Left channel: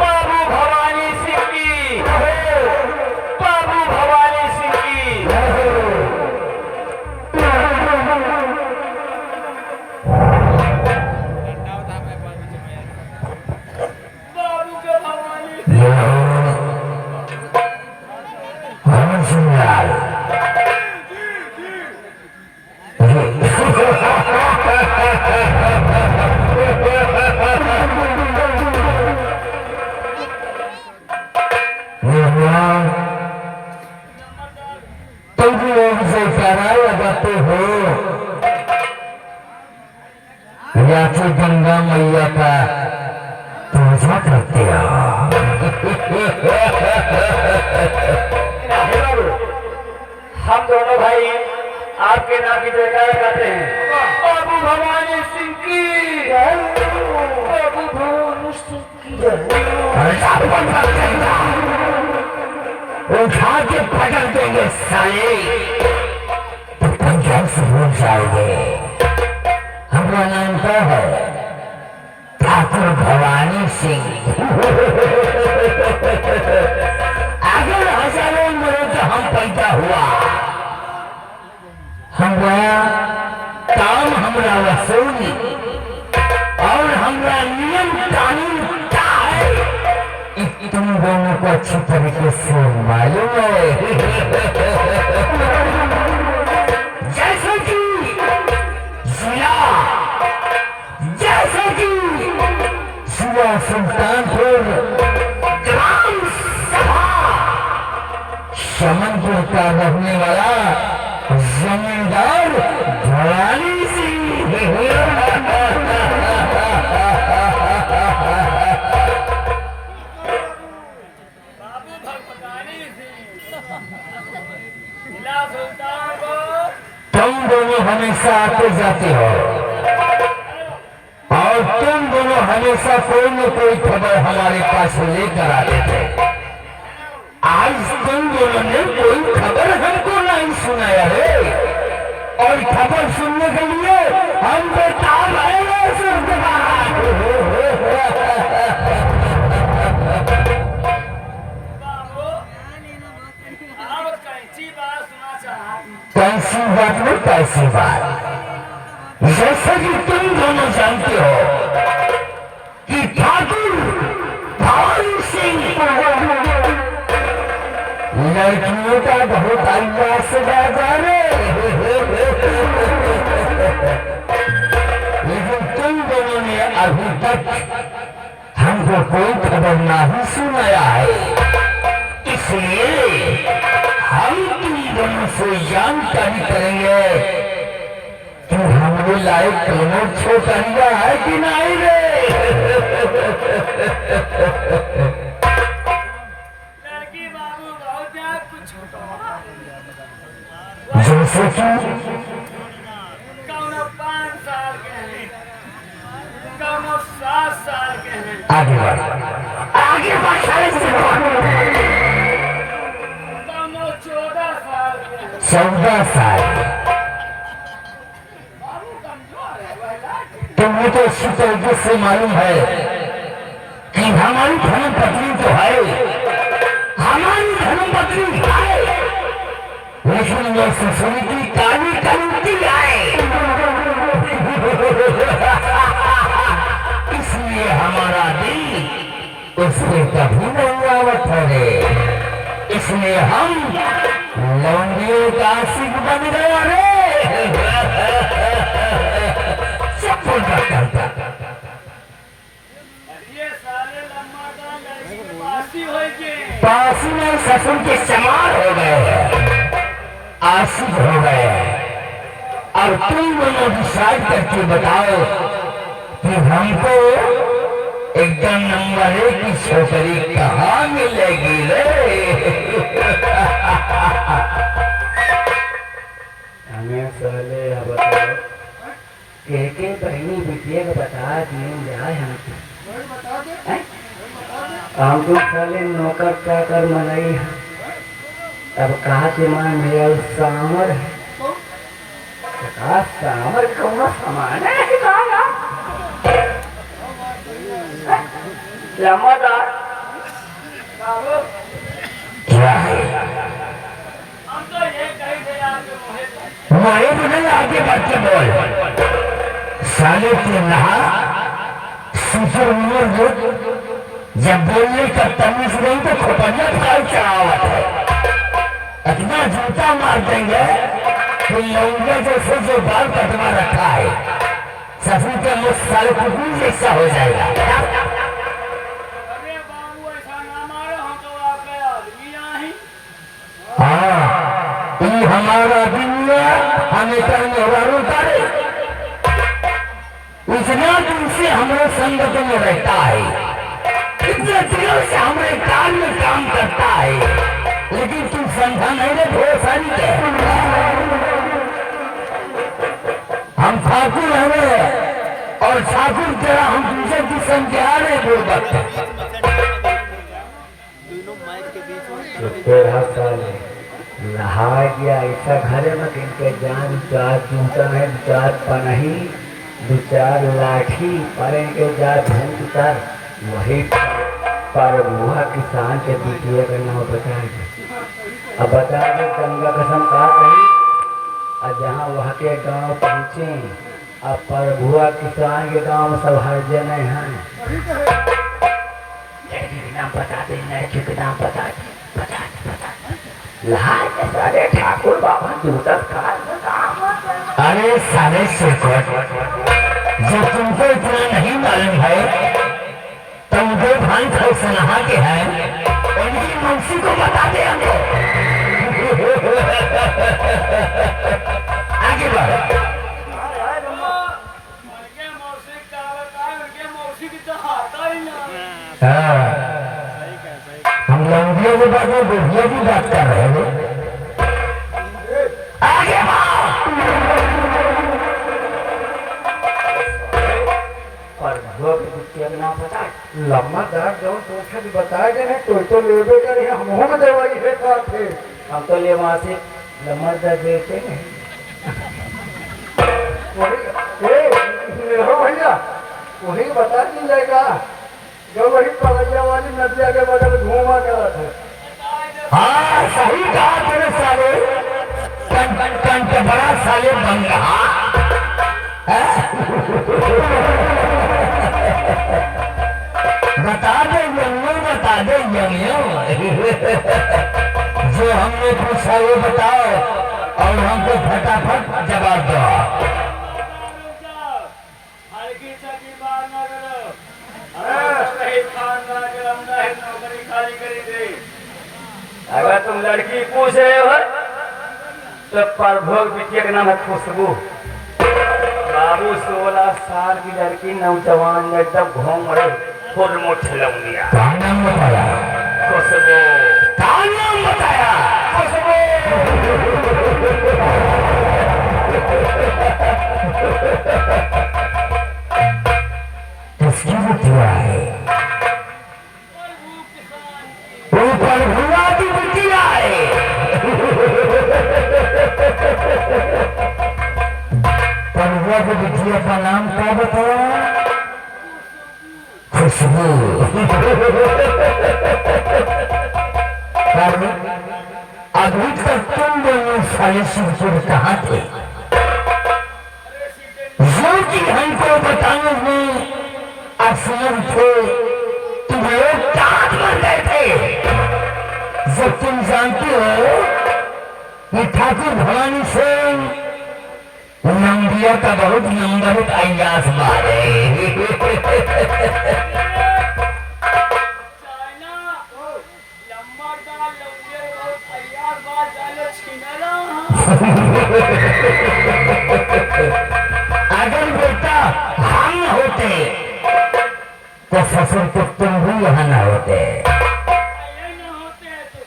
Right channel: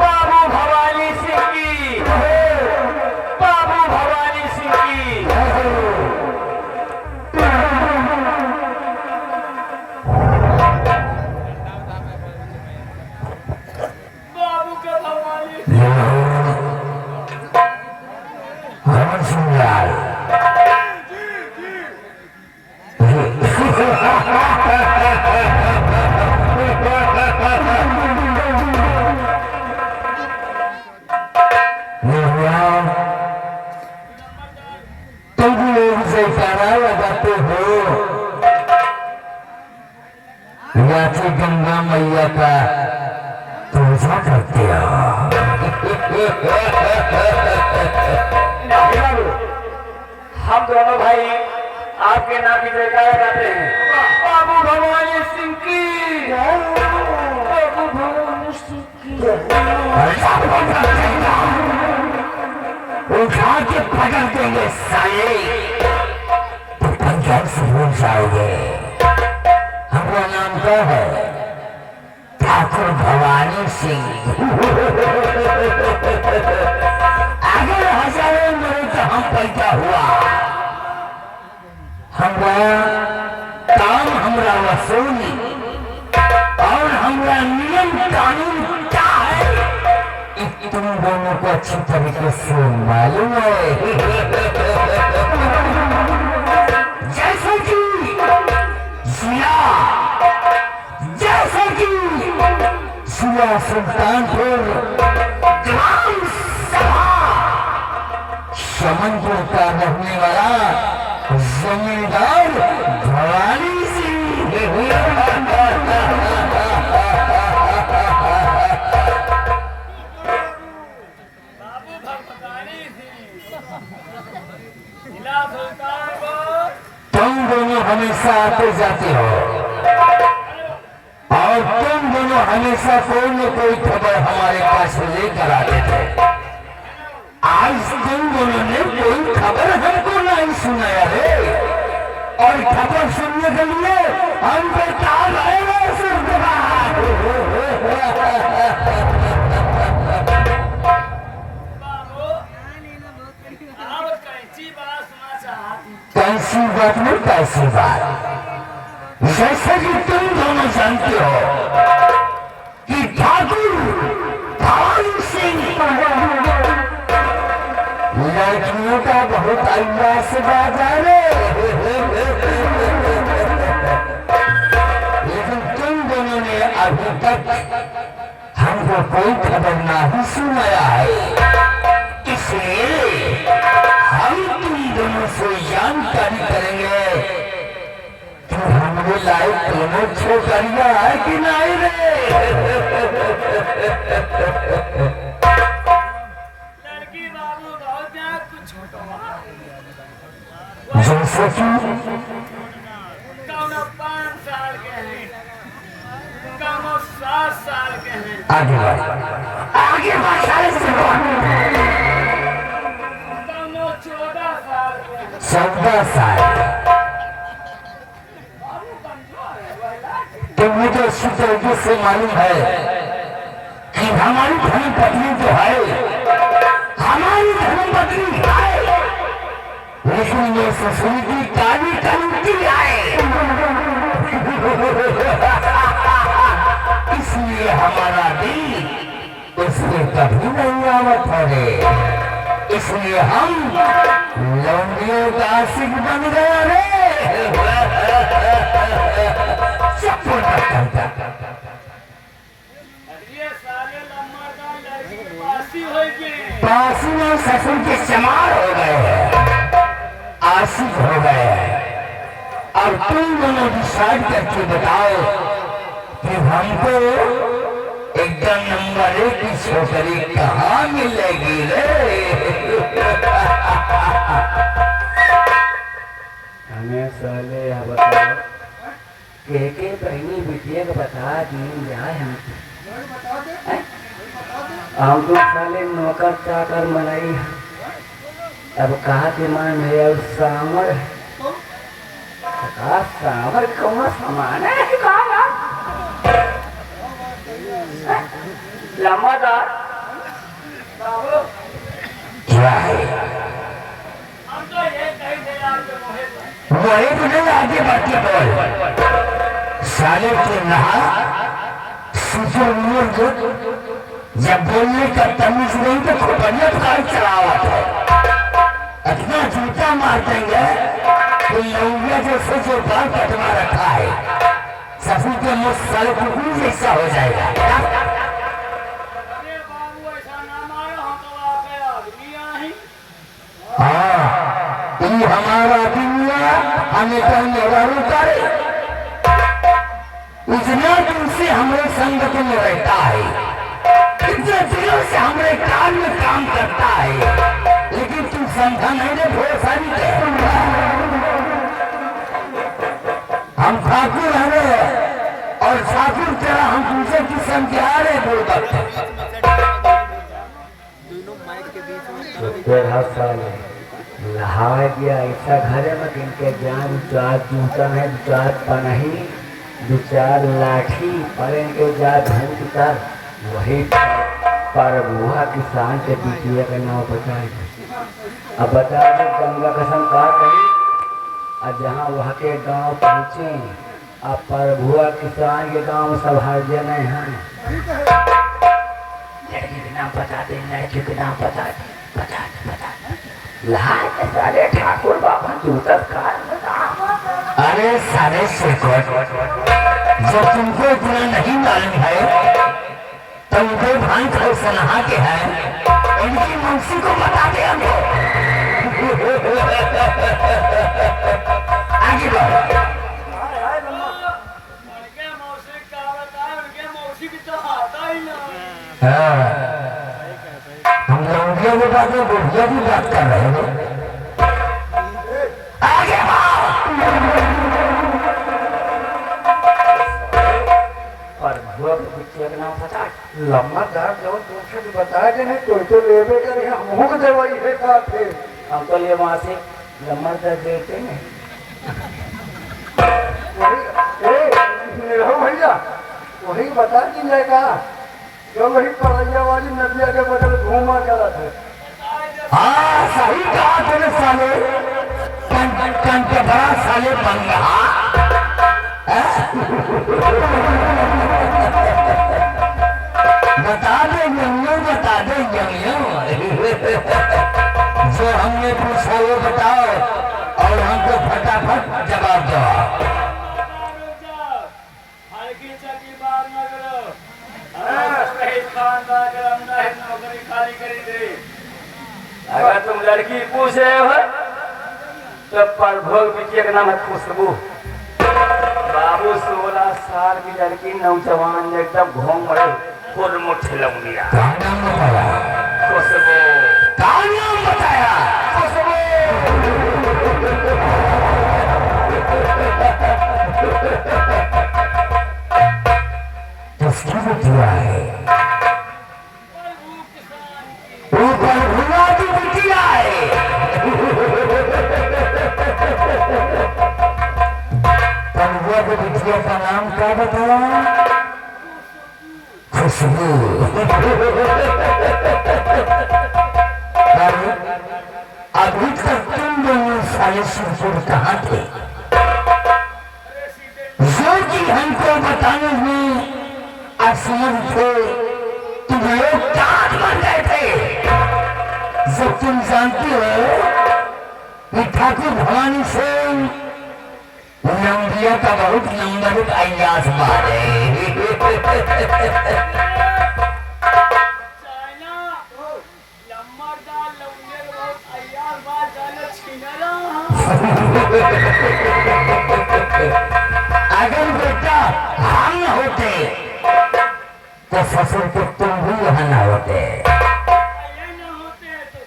बाबू भवानी सिंह की, बाबू भवानी सिंह की। बाबू के भवानी भवन सिंह लाल तुम लोग जयकारा लगाते हो या फिर गंगा मैया का पूजा करते हो? हम दोनों भाई आपके नाम की जयकारा गाते हैं। बाबू भवानी सिंह की, बाबू भवानी सिंह की। उठा के पकड़ देंगे साले, तो पंजाब से भूल जाओगे। हमारा नाम क्या है? ठाकुर भवानी सिंह। अगर हजारों में तो हम पैदा हुआ, हमारा काम हमारा वसूली और हमारा नियम कानून क्या है तुम दोनों को अच्छी तरीके से मालूम है। जैसे कि जिला सुल्तानपुर ग्राम सभा समनपुर का रहने वाला जमींदार भवानी सिंह। तुम दोनों हमेशा आते जाते हो और तुम दोनों हमेशा कोई न कोई खबर हमारे पास लेकर आते थे। आज तुम दोनों ने कोई खबर हमको नहीं सुनाया है और खबर सुनने के लिए हम बेताब है। कैसी बात में कैसी बात? जैसे कि तुम दोनों जानते हो कि ठाकुर भवानी सिंह लड़कियों का बहुत अयास बाजार है, लेकिन तुम दोनों ने अभी तक हमको कोई खबर नहीं सुनाया है। इसलिए हम तुम दोनों से जानकारी करेंगे कि हमको लायक दोनों छोकरिया है कि नहीं रे? लड़की बाबू बहुत कुछ जैसे कि कौनो 5 साल के हैं, कौनो 7 साल के हैं। आगे बढ़ कौनो 14 साल के हैं। 14 साल। तुमने तो इसी तरीके से मालूम है कि हमारी धर्मपत्नी तो है, हमारी धर्मपत्नी है, लेकिन ये ससुरी की काली कलुटी है। इसलिए हमारा दिल उससे कभी नहीं आवत है। इसलिए हम लौंडियों का आशिक बन गया रे। ये साले लम्बादार लड़की के पासी होगी। पासी में ससुर के समार हो गए हैं, आशिक हो गए हैं। और तुम दोनों डिसाइड करके बताओ कि हमको एकदम नंबर 1 की छोकरी कहाँ मिलेगी रे? हमें साले बताओ के पहली बिटिया को बता दें जाए हमको साले नौकर चाकर मनाई। अब कहा कि मां मेरा सामर है, सामर कौन सामान है? लंबादार क्या है हम तो ये कह दे आपके मोहे वही तुझे आगे बढ़ के बोल साले के नहा सुसुर उमर जो जब बोलने का तमीज नहीं तो खोपड़िया फाल चलावत है इतना जूता मार देंगे तो लौंगिया जैसे जो बाल कटवा रखा है सफू के मुझ साले कुकुर जैसा हो जाएगा। अरे बाबू ऐसा ना मारो हम तो आपके आदमी ही हाँ ये हमारा दुनिया हमें कहीं और उतारे इतना तुमसे हमारे संगत में रहता है इतने दिनों से हमारे काल में काम करता है लेकिन तुम समझा नहीं ले ढेर सारी के हम ठाकुर हमें और ठाकुर तेरा हम दूसरे की समझा रहे बोलबत तेरह साल नहा गया ऐसा घरे में इनके जान चार जूता है चार पनही दो चार लाठी पर इनके जा धूम कर वही पर बुआ किसान के द्वितीय का नाम बताए अब बता दो गंगा कसम का कही और जहाँ वहाँ के गांव पहुँचे अब प्रभुआ किसान के गांव में सब हर जने हैं लड़की का नाम बता दे लड़की का नाम बता दे लाए सारे ठाकुर बाबा दूसर काल में काम अरे सारे शेखर जो तुमको इतना नहीं मालूम है तो मुझे भान खाओ सलाह के है उनकी मौसी को बता दे हमको आगे बढ़ उनके मौसी का बताए उनके मौसी की तो आता ही ना हम लौंडियों की बात में बुढ़िया की बात कर रहे हैं आगे प्रभुआ के द्वितीय का नाम बता लम्बा दार जो दूसरे भी बताए देने कोई तो लेबे करे हम हो दवाई है साथे हम तो ले वहां से लम्बा दार देते नहीं वही भैया वही बता दी जाएगा जो वही पड़ैया वाली नदिया के बगल घूमा करा थे हाँ सही कहा तेरे साले कन के बड़ा साले बन रहा बता दे यमियो बता दे यमियो जो हमने पूछा वो बताओ और हमको फटाफट जवाब दो हल्की चकी बात ना करो अरे खानदान के अंदर ही नौकरी खाली करी दे अगर तुम लड़की पूछ रहे हो तो प्रभोग बिटिया का नाम है खुशबू बाबू 16 साल की लड़की नौजवान एकदम घूम रहे खुद मुठ लौंगिया क्या नाम बताया खुशबू क्या नाम बताया किसकी बिटिया है प्रभु किसान की ऊपर भुआ की बिटिया है प्रभुआ की बिटिया का नाम क्या बताया खुशबू अभी तक तुम दोनों साले सुरपुर कहाँ थे जो कि हमको बताने में असमर्थ थे तुम लोग काट बन गए थे जब तुम जानते हो कि ठाकुर भवानी सिंह लंबिया का बहुत नंबर अयास मारे चाइना लम्बरदार लौंगे बहुत अय्यार बात जाने छीना अगर बेटा हम होते तो ससुर को तुम भी यहाँ न होते ये ना होते हैं तो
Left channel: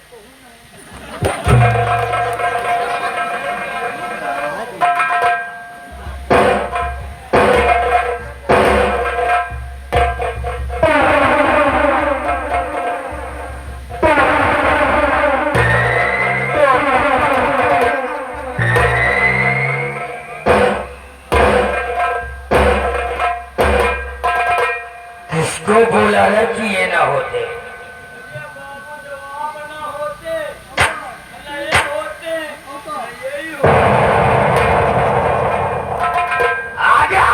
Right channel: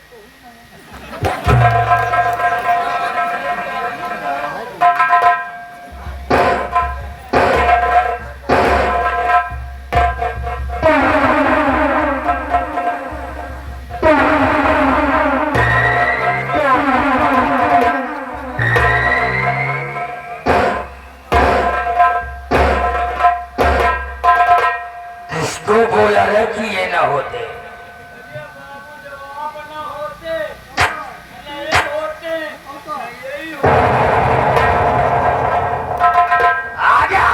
इसको बोला है कि ये होते। आ जाओ।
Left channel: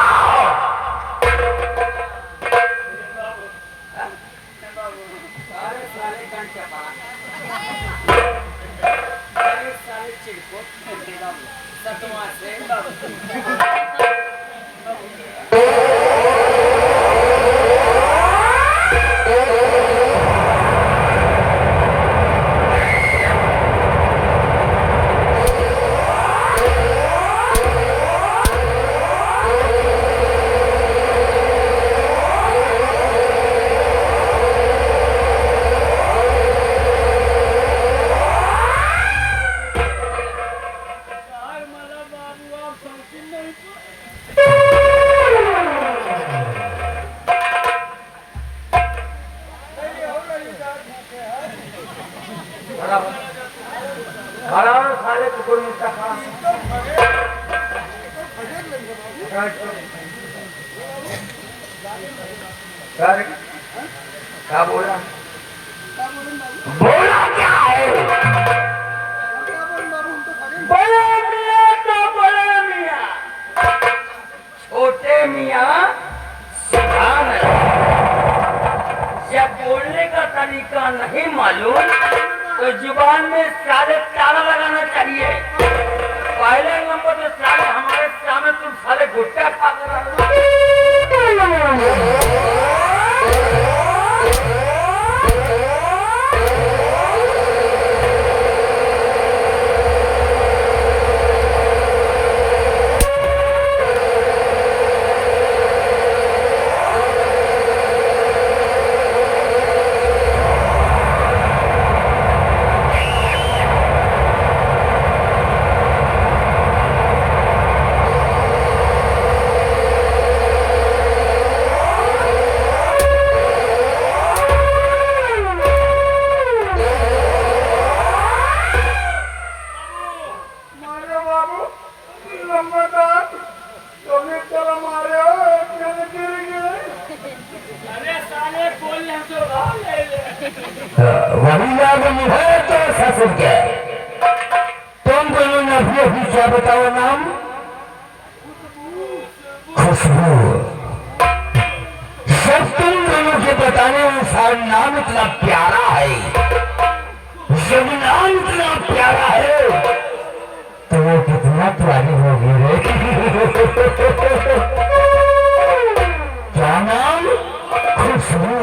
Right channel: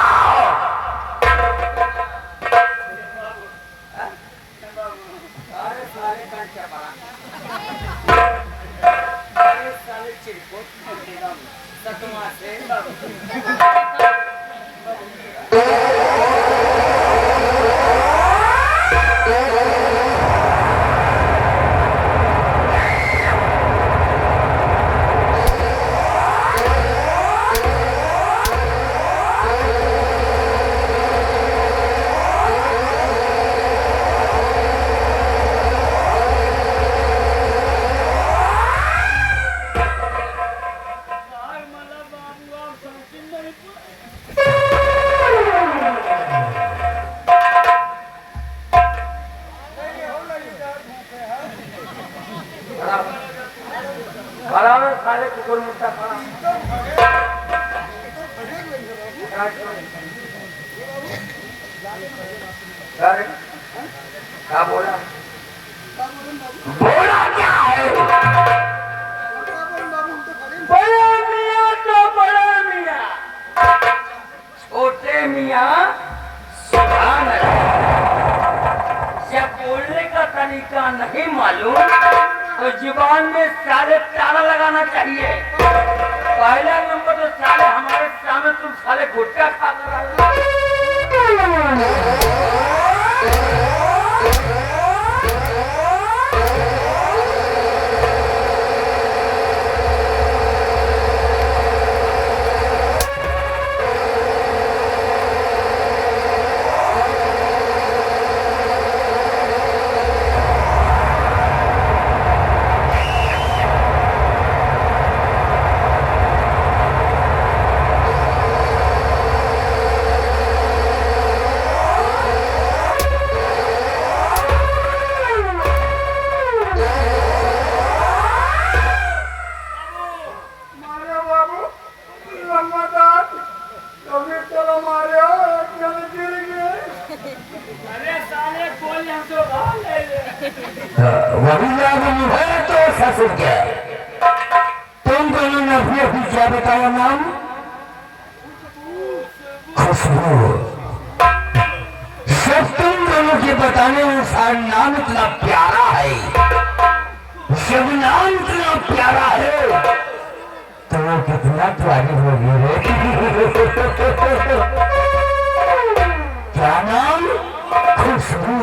खड़ा हो साले कुकुर मुट्ठा खड़ा क्या बोला बोला क्या है? बड़े मियाँ तो बड़े मियाँ, छोटे मियाँ सुधार है। जब बोलने का तरीका नहीं मालूम तो जुबान में साले ताला लगाना चाहिए। पहले नंबर तो साले हमारे सामने तुम साले गुटखा खा कर वही याद है तो ससुर के। तुम दोनों ने अपने भी क्या बताया नाम? खुशबू। जब तुम दोनों के बताने अनुसार नाम इतना प्यारा है, जब नाम इतना प्यारा है तो वो कितना प्यारी होगी रे। क्या नाम? खुशबू।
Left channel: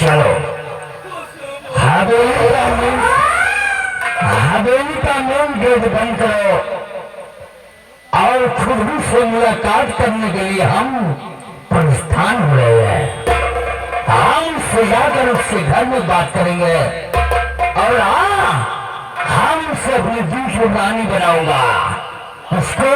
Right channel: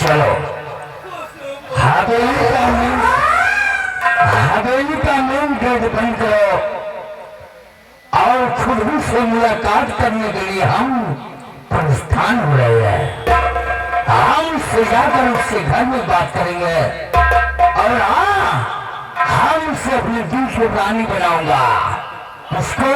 चलो हवेली का मेन गेट बंद करो और खुशबू से मुलाकात करने के लिए हम प्रस्थान हो रहे हैं। हम उससे जाकर उससे घर में बात करेंगे और हम उसे अपने दिल की रानी बनाऊंगा। उसको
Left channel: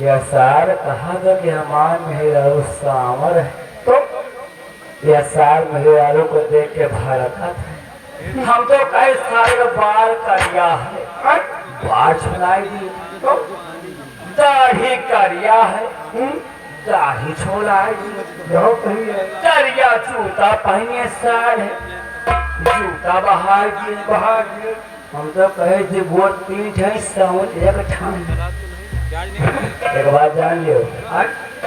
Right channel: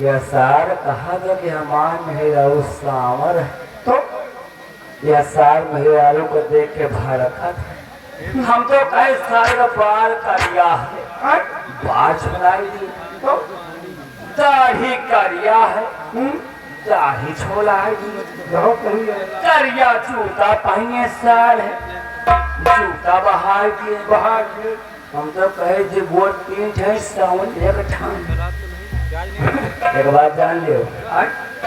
यह सार कहा था कि हमार मेहरारू सांवर है, तो यह सार मेहरारू को देख के भड़का था। हम तो कहे सारे का बाल करिया है, बाल छुलाई दी तो दाढ़ी करिया है, दाढ़ी छोलाई दी। जो कहिए करिया जूता पहने सार है, जूता बाहर की हम तो कहे जी गोट पीठ है साउंड एक ठान। एक बात जान लियो,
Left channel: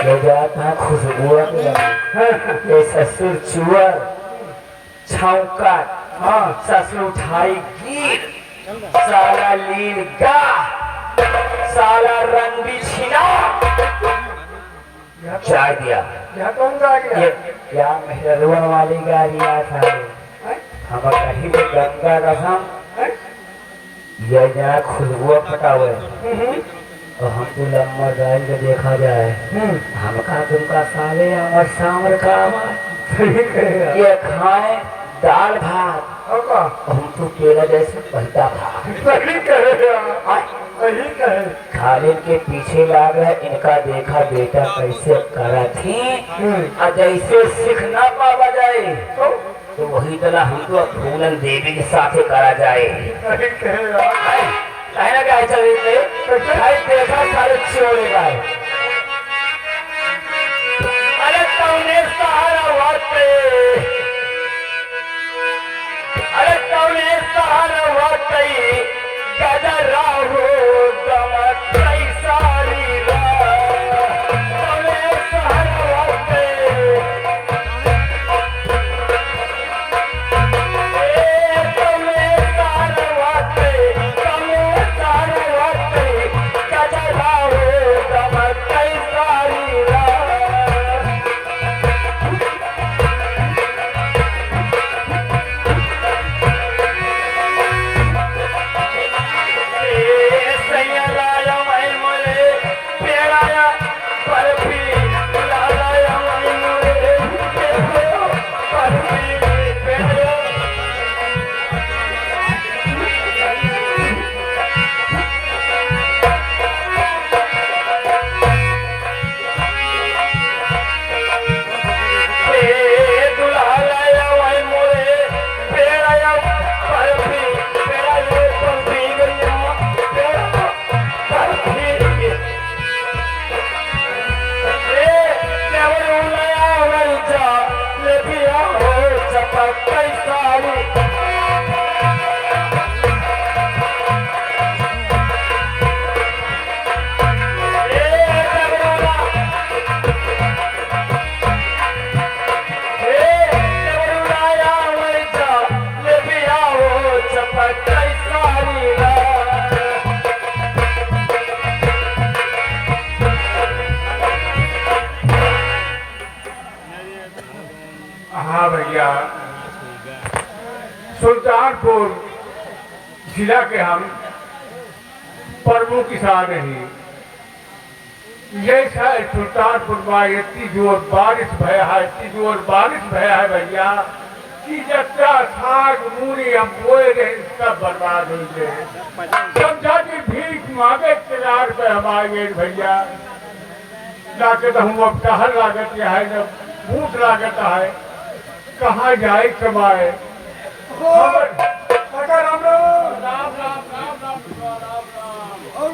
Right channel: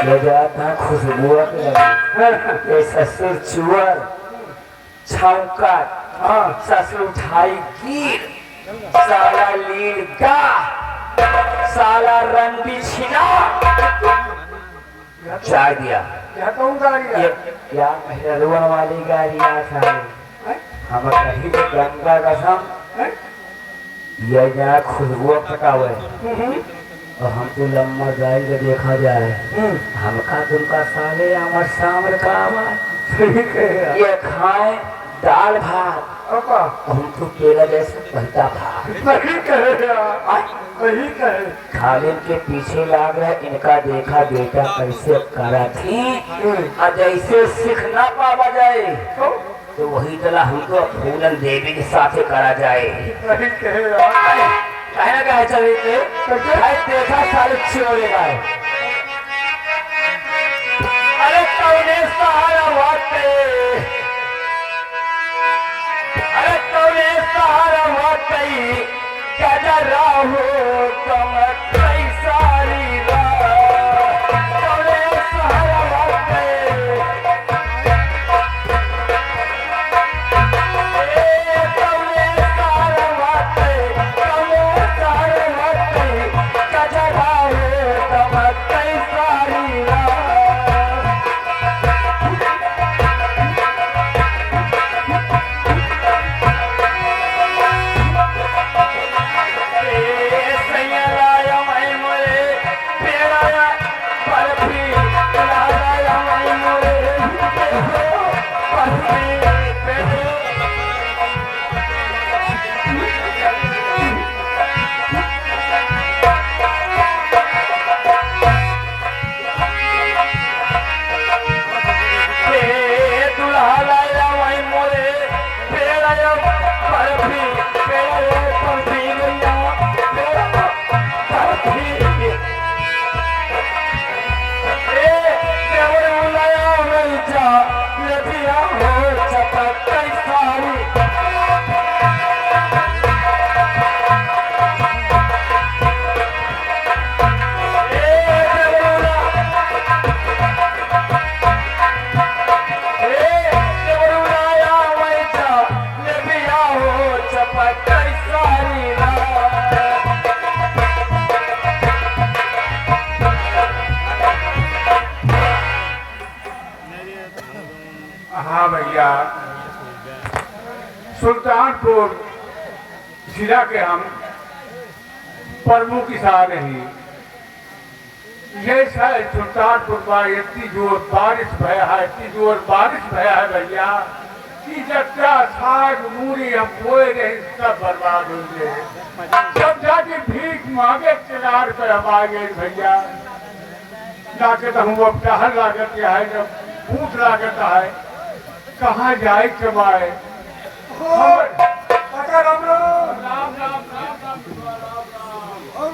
ये जाता है खुशबू के लगे। ये ससुर चुअर छौका, ससुर उठाई गिर, साला लील गा, साला रंडी छिना चार दिया। ये क्या मेहरुआ वाली गाड़ियाँ था, हम कहीं गंगा रसम ये जहाँ खुशबू पटावे तो हम तो लम्बा जाएंगे देखा जाए हमका तुमका साले अमर सामर का ये खाए दाल भात हम तो पेड़ा जैसे बनता था खालिद के पीछे लाग रहे इनका देखा बेटा कैसे करा थी और जैसे सीख ना पावा जाए तो वही तला हमको फूलन देवी के साथ करा जाए कहना क्या चले देखा सारे छोड़ेगा अरे कौने सहारा वाटे अरे कौने सहारा वाटे गजरा हो कमतई सारी रात कौने सहारा वाटे कौने सहारा वाटे कौने सहारा वाटे गजरा हो कमतई सारी रात हाँ भैया, सुल्तानपुर जिला के हम प्रमुख किसान हैं। ये शायद सुल्तानपुर में इतनी जोर बारिश भया है, इतनी जोर बारिश भया है भैया कि जच्चा साग मूरी हम बोए रहे सब बर्बाद हो गए। सब जाके भीख मांगे 4 रुपये हमारे भैया लाके तो हम अब टहल लागत है जब भूख लागत है कहाँ जाए कमाए। और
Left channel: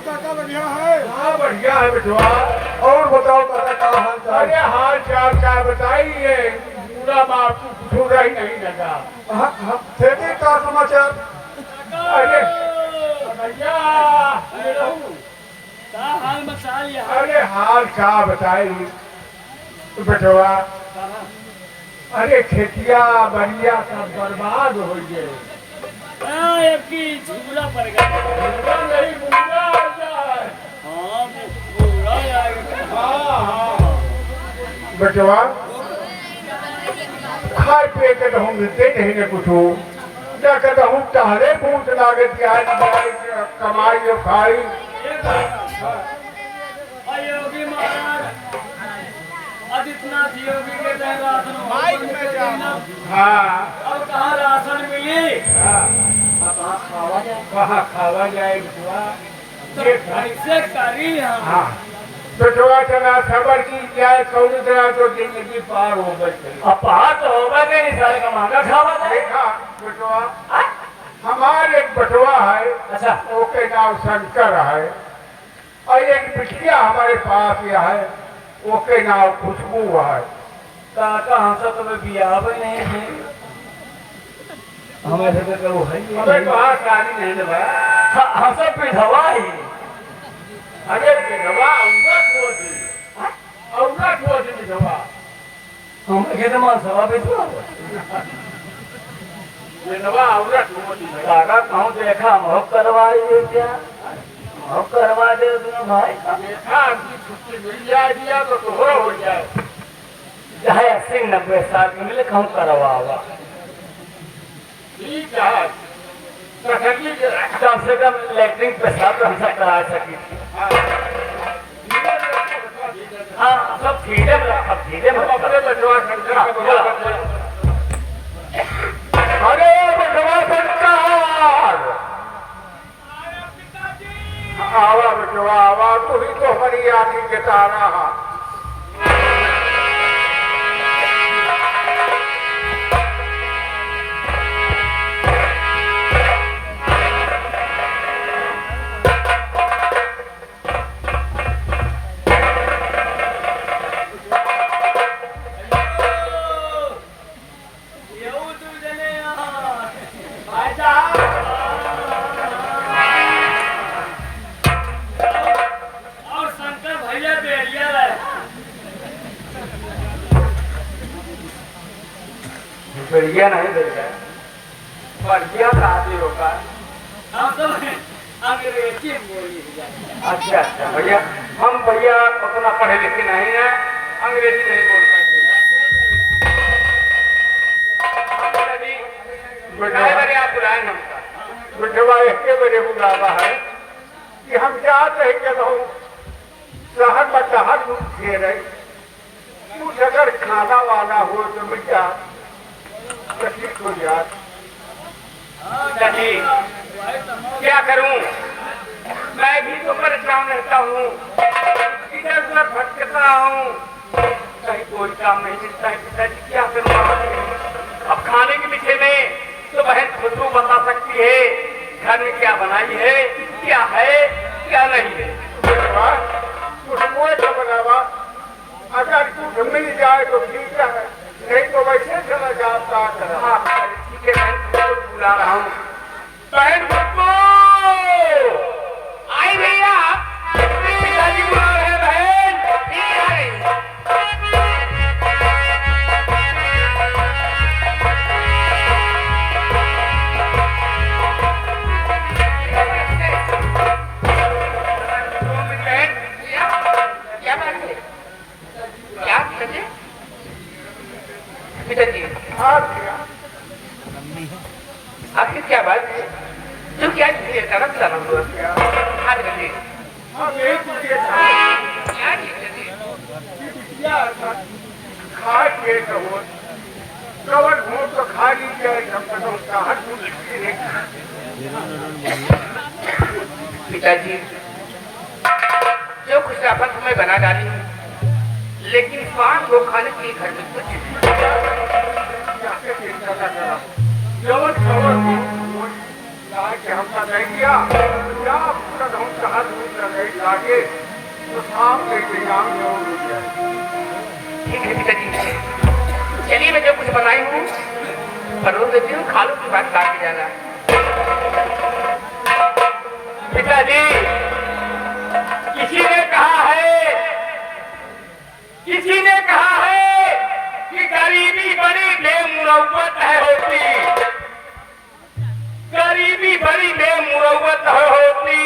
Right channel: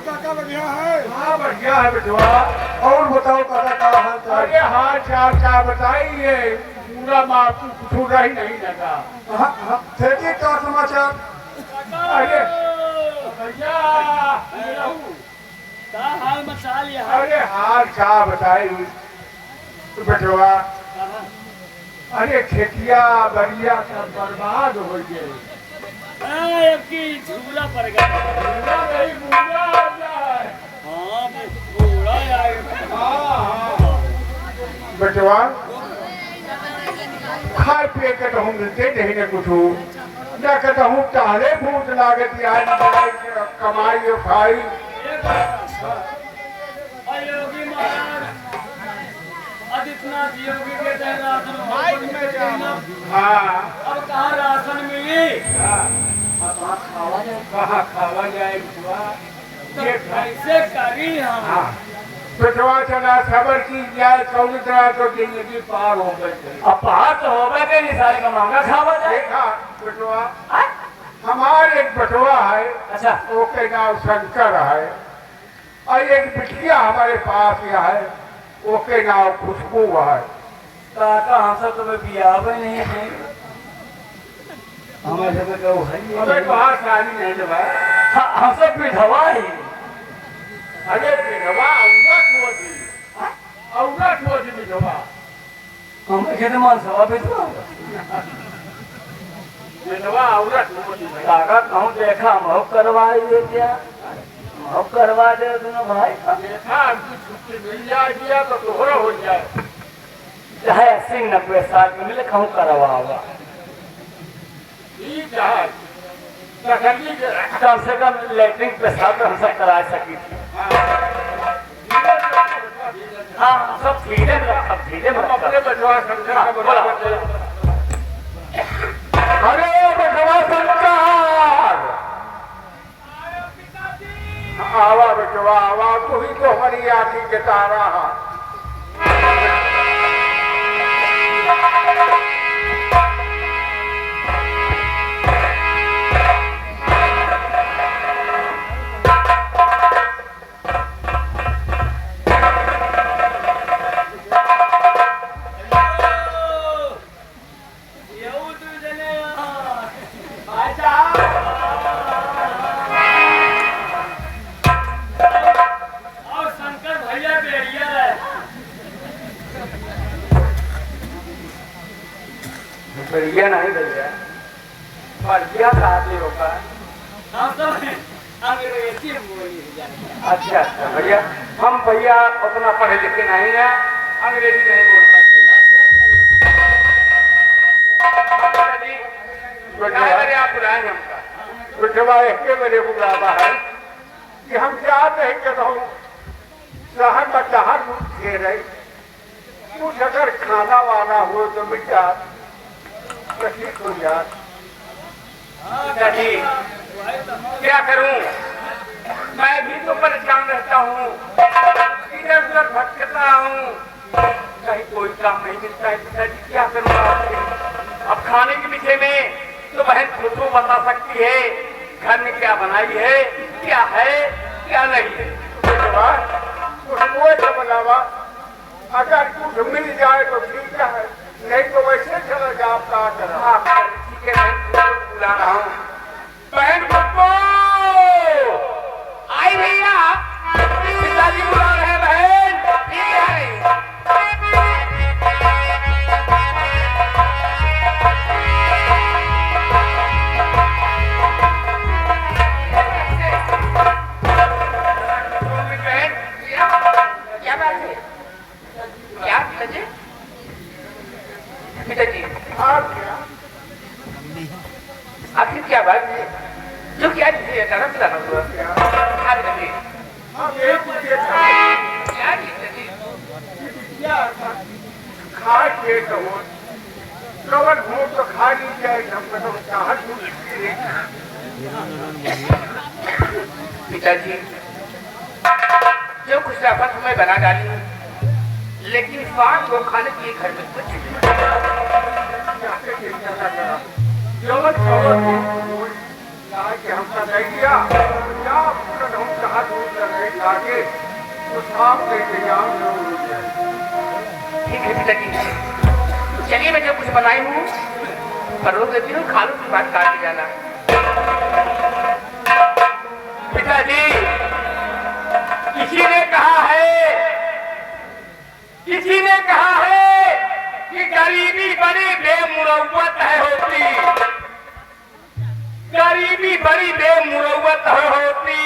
काका बढ़िया है? हाँ बढ़िया है बेटवा। और बताओ काका क्या हाल चाल? अरे हाल चाल क्या बताइए, पूरा माफ छूटा ही नहीं लगा। खेती का समाचार? अरे भैया का हाल मचा लिया है? अरे हाल क्या बताई बेटवा, अरे खेतिया बढ़िया सब बर्बाद हो गए। की झूला पड़ गया। नहीं मुंगा आ जाए। हाँ बूढ़ा आ गया। हाँ बेटवा खाए पिए के तो हम देते नहीं ने कुछ ना कहता हूँ टहले फूट लागत कमाई और खाई। योगी महाराज आदित्यनाथ योगी के तहत राशन हाँ अब कहाँ राशन मिली? कहाँ खावा जाए बेटवा? ये कैसे करी हम? हाँ बेटवा चला खबर की जाए कौन तरह तो जिंदगी पार हो गई। अब पार तो होगा कि नहीं, सारे का महंगा खावा था। देखा बेटवा हमारे एक बटवा है, अच्छा ओके नाम शंकर है, और एक बिटिया हमारे पास यह है ओके नाम खुशबू है। काका हमसे तो बियाह भी नहीं है। हमारे से तो है हमें कहाँ शादी नहीं दबा। हमसे विधवा ही। अरे विधवा औरत होती विधवा हम खेतमान सभा विधवा विधवा औरत होती। काका कहूँ देखा हम करवाई क्या? हम करवा दे दोनों भाई। देखा आपकी छुट्टी मिल जाए तो तोहरा हो जाए। चाहे 80-90 साल की मिले कहूँ करवावा। ठीक है कहीं कम से कम लेटरिन पेशाब तो हमसे करा सकी थी। हाँ सब धीरे में रखा, धीरे में हम अपने बचवा शंकर का बोला करते हैं। अरे बचवा शंकर, आवा बचवा आवा, तू ही तो हमारी आँखी के तारा है। और शंकर भैया बेरिया है। बढ़िया नहीं बढ़िया, बढ़िया कहा थे रोका। हम सब अंग्रेजी बोली जाते हैं। अच्छा अच्छा भैया, हम भैया उतना पढ़े लिखे नहीं है, अंग्रेजी नहीं बोल सकते। मेरे आप बुलाए हमका बिठवा एक मेरे बुलावा है कि हम चाहते हैं कि रहूं शहर में टहर थे रहे, कुछ अगर खाना वाना हो तो मिटा तो ठीक हो जाए। क्या करूं, मैं भी तो परेशान रहता हूँ, इधर उधर भटकता हूँ, कहीं कोई काम नहीं मिलता है। पिताजी क्या करूँ? अब खाने के विषय में तो बहन खुद को बता सकती है, घर में क्या बनाई है, क्या है क्या नहीं है। कुछ मुझे तो बनावा, अगर कुछ मिल जाए तो ठीक है, नहीं तो वैसे चला जाता करा। ठीक है, मैं तुमको बुला रहा हूँ। बहन खुद आई भैया, पिताजी बुला रहे हैं। बहन क्या बात है? क्या पिताजी? पिताजी आखिर क्या बात है? जो क्या तरफ चला हुआ आधे घंटे खा के तो कवर हो तो खा ली जाए। पिताजी जो कुछ राफत मैं बना डाली हूँ, लेकिन 5 लोग खाने के लिए घर में कुछ हमका नहीं दिया, हम कहा लागे तो साफ ठीक है पिताजी, चलिए मैं जो कुछ बनाई हूँ परोस देती हूँ, खा लो उसके बाद काट के जाना। पिताजी किसी ने कहा है कि गरीबी बड़ी बेमुरव्वत है होती, गरीबी बड़ी बेमुरव्वत है होती,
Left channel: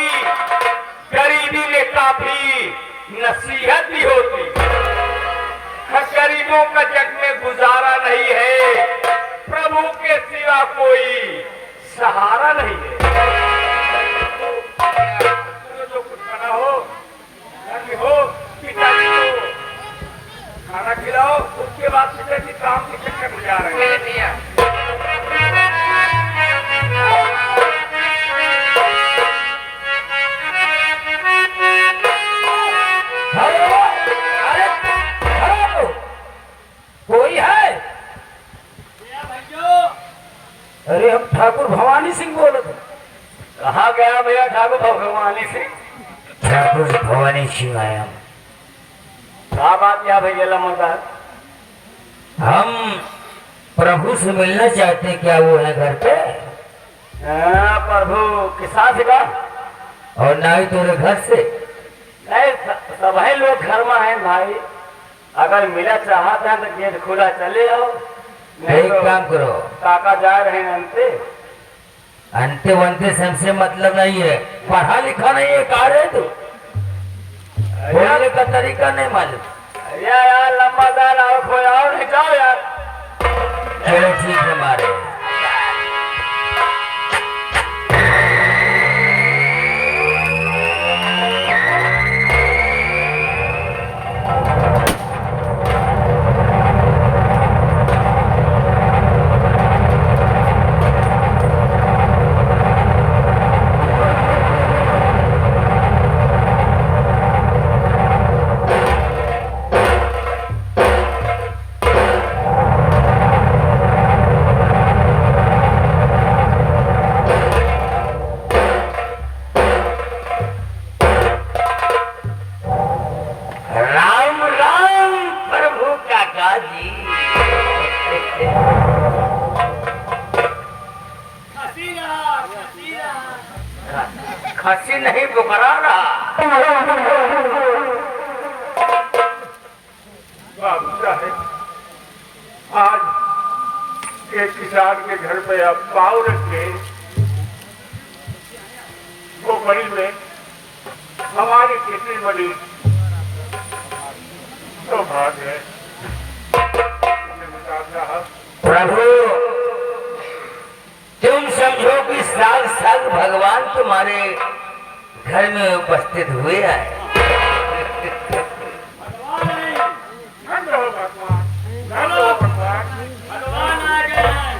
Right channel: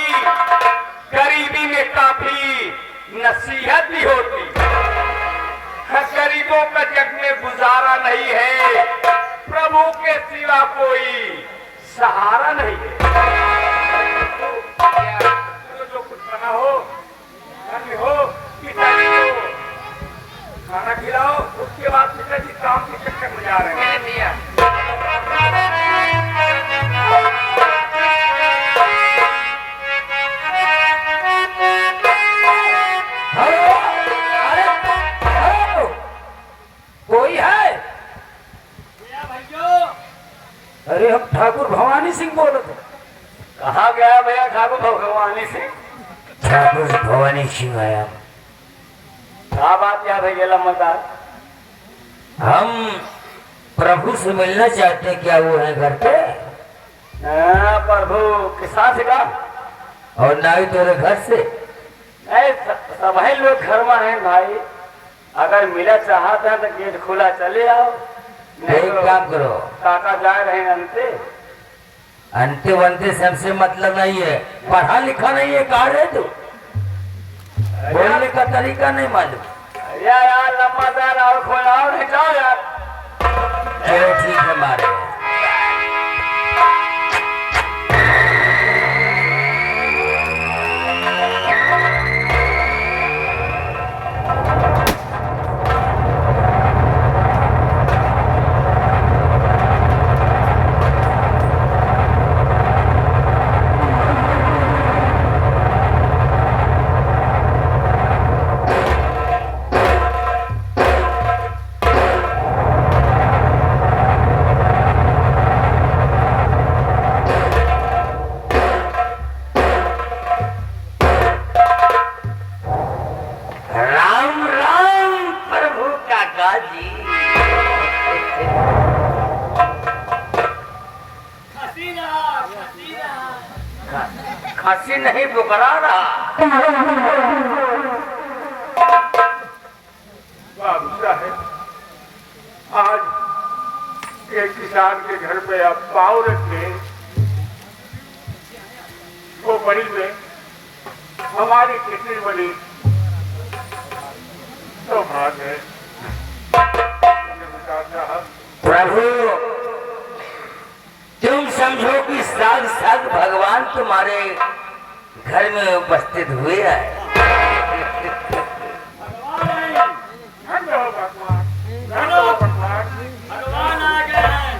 गरीबी में काफी नसीहत भी होती। गरीबों का जग में गुजारा नहीं है, प्रभु के सिवा कोई सहारा नहीं है। जो कुछ बना हो, घर में हो, पिताजी को खाना खिलाओ, उसके बाद पिताजी काम के चक्कर में जा रहे हैं। कोई है? अरे हम ठाकुर भवानी सिंह बोल रहे थे। कहा गया भैया ठाकुर भगवानी सिंह? ठाकुर भवानी सिंह आया। क्या बात क्या भैया लम्बा? हम प्रभु से मिलना चाहते हैं, क्या वो है घर पे? प्रभु किसान से का और ना ही तेरे घर से? नहीं, सब लोग घर में हैं भाई, अगर मिला चाहते हैं तो गेट खुला चले आओ। एक काम करो, काका जा रहे हैं अंते अंते वंते से हमसे मतलब नहीं है, पढ़ा लिखा नहीं है, कहा रहे तू बोलने का तरीका नहीं मालूम। यार लंबा दाल और खोलाओ नहीं जाओ यार। चलो ठीक है मारे। खसी नहीं बुकरा रहा। बाबू साहेब, आज एक किसान के घर पे अब पाव रख के वो बड़ी में हमारी कितनी बड़ी सौभाग्य है। प्रभु, तुम समझो कि साक्षात भगवान तुम्हारे घर में उपस्थित हुए हैं। भगवान आ गए हैं।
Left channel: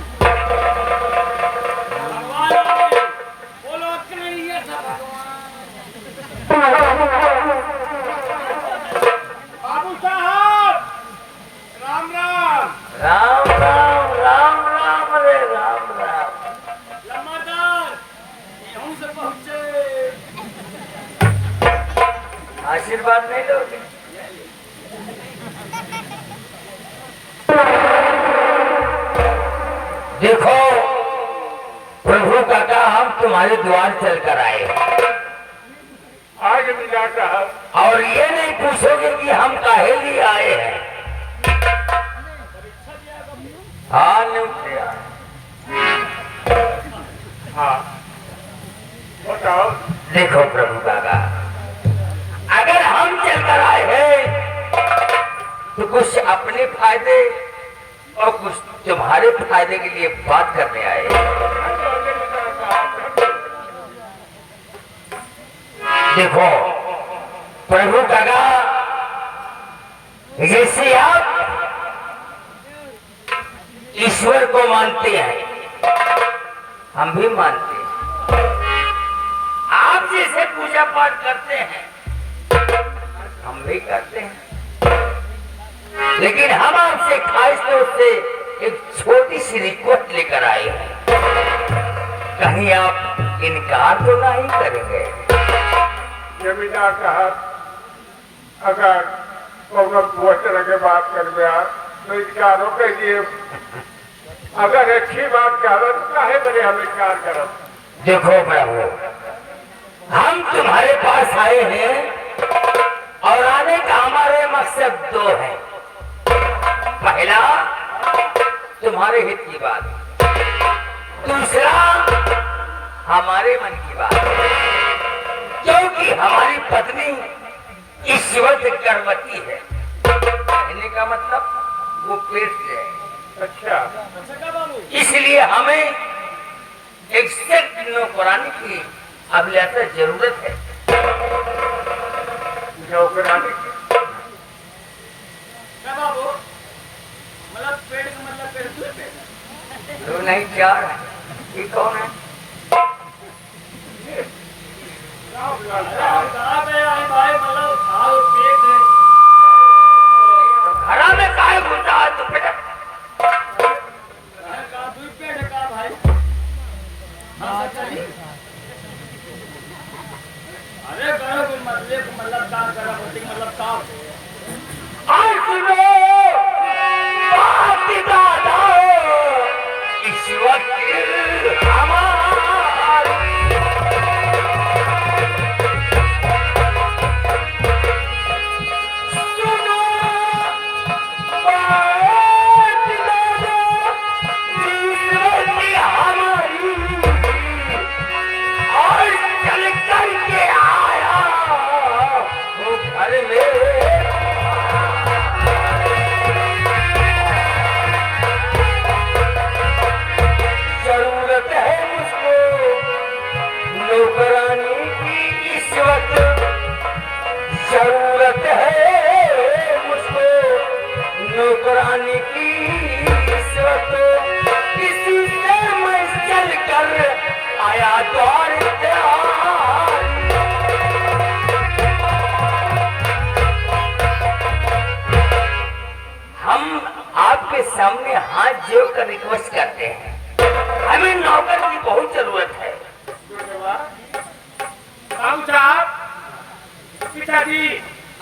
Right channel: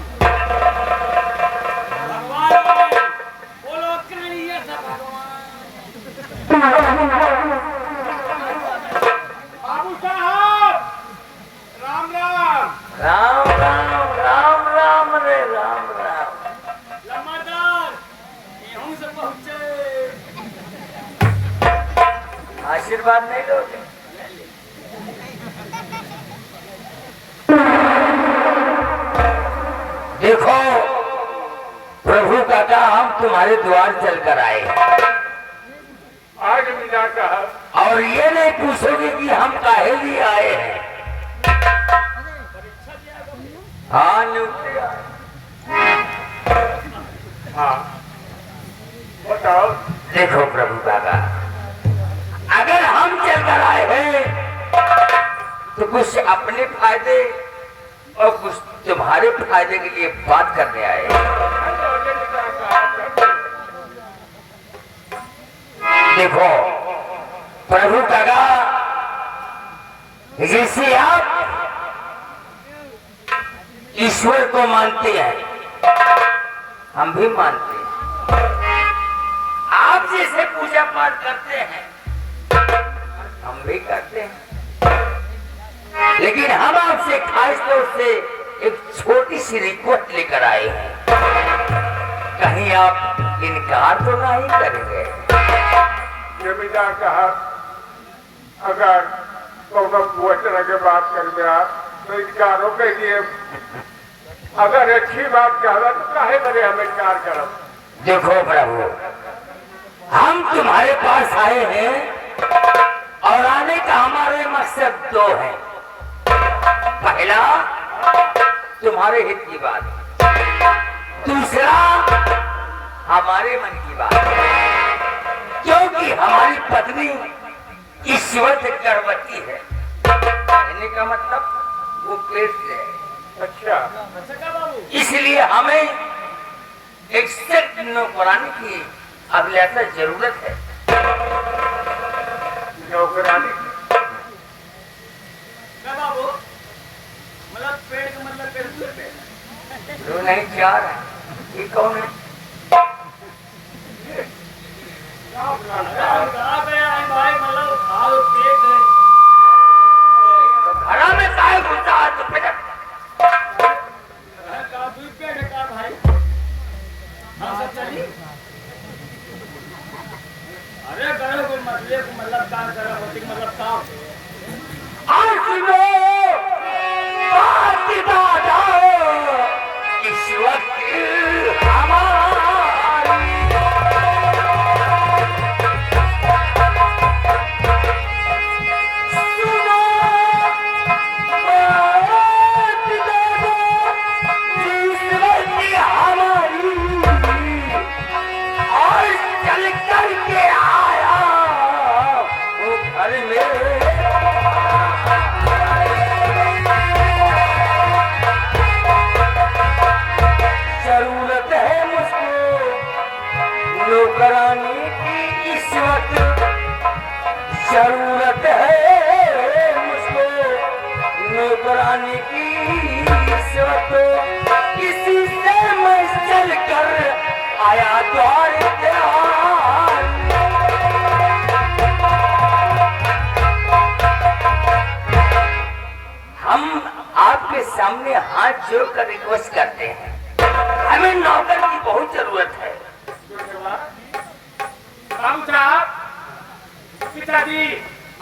भगवान बोलो कहानी था भगवान। बाबू साहब, राम राम। राम राम राम राम रे राम राम। लम्बादार यहूं से पहुंचे। आशीर्वाद नहीं लोगे? देखो प्रभु काका, हम तुम्हारे द्वार चलकर आए आज मिला साहब, और ये नहीं पूछोगे कि हम काहे लिए आए हैं। हाँ न्यूट्रिया, हाँ बताओ। देखो प्रभु काका, अगर हम चलकर आए हैं तो कुछ अपने फायदे और कुछ तुम्हारे फायदे के लिए बात करने आए। देखो प्रभु काका, जैसे आप ईश्वर को मानते हैं, हम भी मानते हैं। आप जैसे पूजा पाठ करते हैं, हम भी करते हैं। लेकिन हम आपसे खास तौर से एक छोटी सी रिक्वेस्ट लेकर आए हैं। कहीं आप इनकार तो नहीं करेंगे? जमींदार साहब, अगर कोई तरह के बात कर दिया तो इनकार कीजिए। अगर अच्छी बात कह रहा तो काहे बड़े हम इनकार करो। देखो प्रभु, हम तुम्हारे पास आए हैं और आने का हमारे मकसद दो है। पहला, तुम्हारे हित की बात। दूसरा, हमारे मन की बात। क्योंकि हमारी पत्नी ईश्वर से गर्भवती है। कहने का मतलब वो पेट से है। अच्छा, इसलिए हमें एक सख्त नौकरानी की अभिलाषा जरूरत है। नौकरानी क्या बाबू, मतलब पेड़ का मतलब पेड़ दूर पेड़। दो नहीं चार है। ये कौन है? अरे हम कहा गया है भाई, मतलब खाओ पेट है। घरा में काहे घुसा है तो बेटा? कहा दूर पेड़ है कहा भाई। हाँ सब चली। अरे करो को मतलब काम करा बोलते मतलब काम। इस वक्त हमारी सुनो बात दादा, इस वक्त हमारी और चल करके आया वो घर में। जरूरत है मुझको नौकरानी की इस वक्त, जरूरत है मुझको नौकरानी की इस वक्त। इसी से मैं चल कर आया द्वार त्यार। हम आपके सामने हाथ जोड़कर रिक्वेस्ट करते हैं, हमें नौकर की बहुत जरूरत है। राम साहब, पिताजी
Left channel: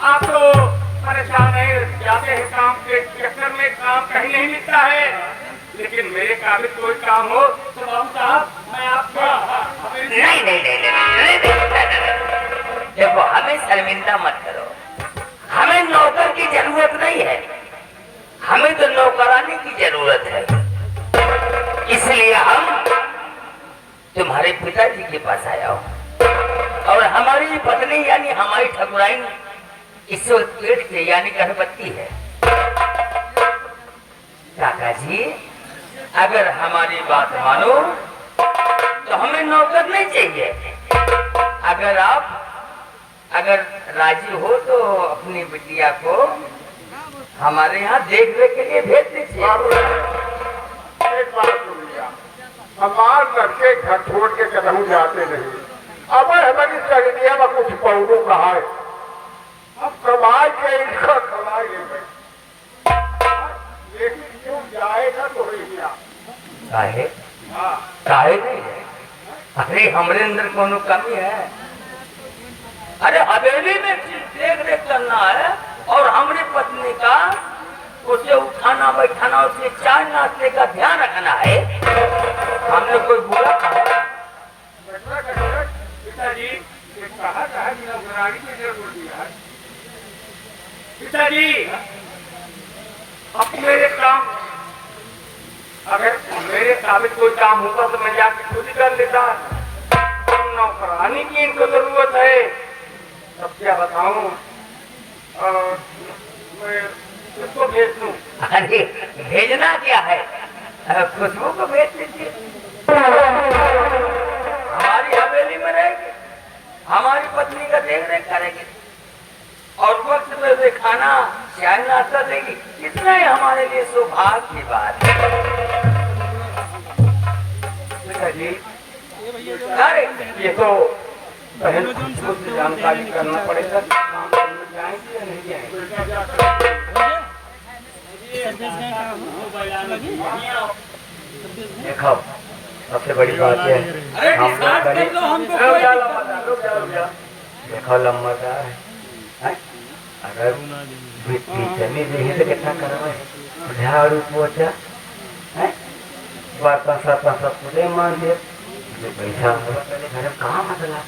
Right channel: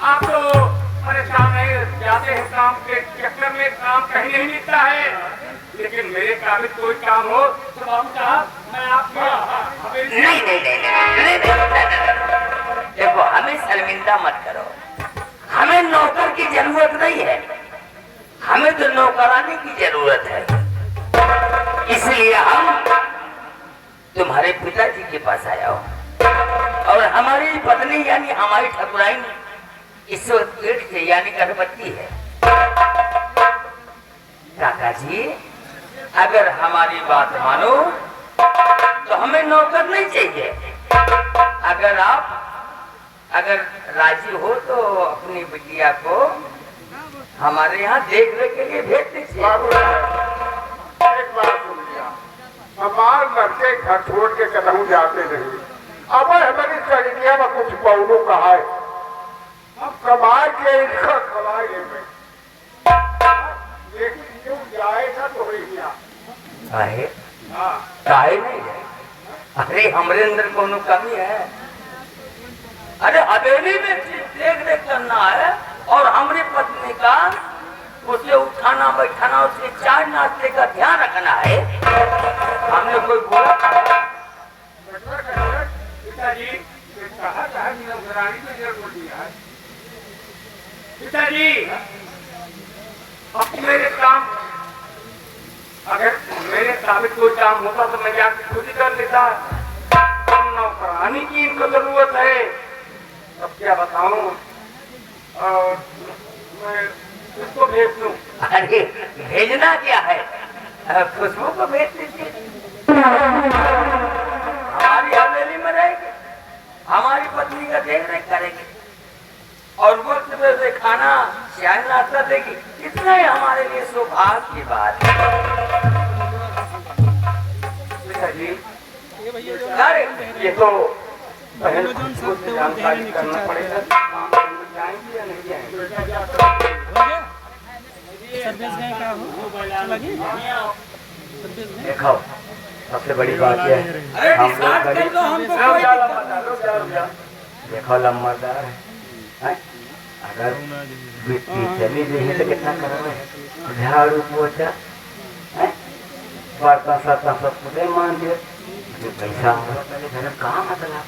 आप तो परेशान है, जाते हैं काम के चक्कर में, काम कहीं नहीं मिलता है। लेकिन मेरे काबिल कोई काम हो तो बाबू साहब मैं आपके नहीं नहीं नहीं नहीं देखो, हमें शर्मिंदा मत करो। हमें नौकर की जरूरत नहीं है, हमें तो नौकरानी की जरूरत है। इसलिए हम तुम्हारे पिताजी के पास आया हूँ और हमारी पत्नी यानी हमारी ठकुराइन इस वक्त पेट के यानी गर्भवती है। काका जी, अगर हमारी बात मानो तो हमें नौकर नहीं चाहिए। अगर राजी हो तो अपनी बिटिया को हमारे यहाँ देखने के लिए भेज दीजिए। एक बात सुनिए, हमारे लड़के घर छोड़ के कदम जाते नहीं। अब हमारी सहेलिया में कुछ पौधों का है, हम कमाए के इनका कमाए लेंगे, लेकिन क्यों जाएगा तो भैया काहे काहे नहीं है? अरे हमारे अंदर कोनो कमी है? अरे हवेली में देख रेख करना है और हमारी पत्नी का उसे उठाना बैठाना, उसके चाय नाश्ते का ध्यान रखना है। हमने कोई बोला था? पिताजी कहा निगरानी की जरूरत है। पिताजी अब मेरे काम, अगर मेरे काबिल कोई काम होता तो मैं जाके खुद ही कर लेता। नौकरानी की इनको जरूरत है, अब क्या बताऊं। मैं उसको भेज दूं। अरे भेजना क्या है, खुशबू को भेज दीजिए। हमारी हवेली में रहेगी, हमारी पत्नी का देख रेख करेगी और वक्त पे वे खाना चाय नाश्ता देगी। इतना ही हमारे लिए सौभाग्य की बात है। अरे ये तो बहन खुशबू से जानकारी करना पड़ेगा, काम करने जाएंगे या नहीं जाएंगे। देखो, सबसे बड़ी बात है हम लोग गरीब, देखो लम्बादार है, अगर जमी नहीं तो कितना करवे झाड़ू पोछा बर्तन सब मुझे मान दे, जो पैसा मेरे कहाँ मतलब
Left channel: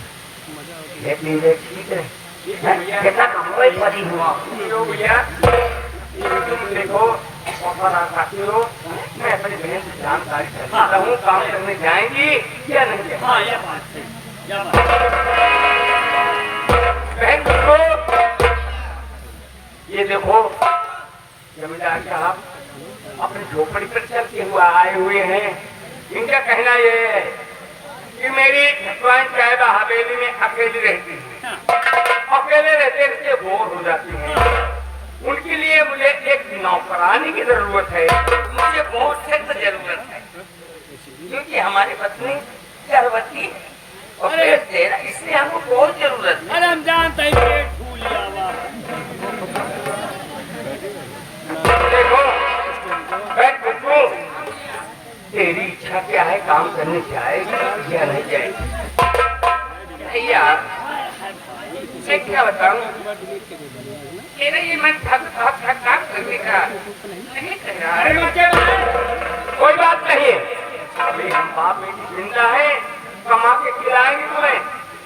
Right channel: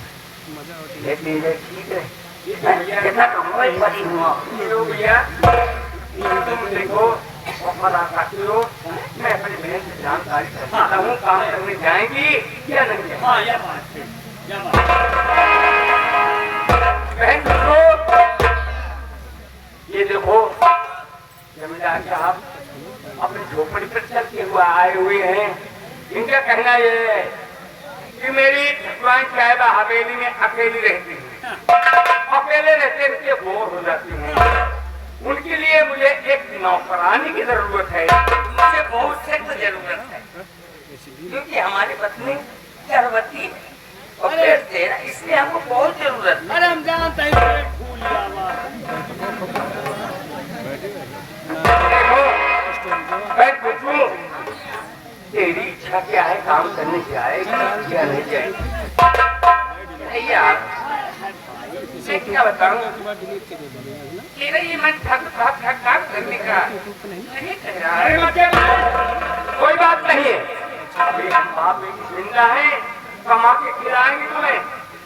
लेकिन ये ठीक है कितना कमाई पड़ी हुआ भैया तुम देखो ऑफर आ सकते हो, मैं अपनी बहन से जानकारी करता हूँ काम करने जाएंगी या नहीं जाएंगी। हाँ यह बात है, यह बात बहन देखो, ये देखो जमींदार साहब अपनी झोपड़ी पर चलते हुए आए हुए हैं। इनका कहना ये है कि मेरी ठकुराइन साहिबा हवेली में अकेली रहती है, अकेले रहते रहते बोर हो जाती हैं। उनके लिए मुझे एक नौकरानी की जरूरत है, मुझे बहुत सख्त जरूरत है क्योंकि हमारी पत्नी गर्भवती है और पेट दे रहा है, इसलिए हमको बहुत जरूरत है। अरे हम जानते हैं पेट फूल जावा। देखो मैं पूछूं तेरी इच्छा क्या है, काम करने जाएगी या नहीं जाएगी? भैया मैं क्या बताऊं, तेरा ये मन थक काम करने का नहीं कह रहा है। कोई बात नहीं, अभी हम बाप बेटी जिंदा है, कमा के खिलाएंगे तुम्हें।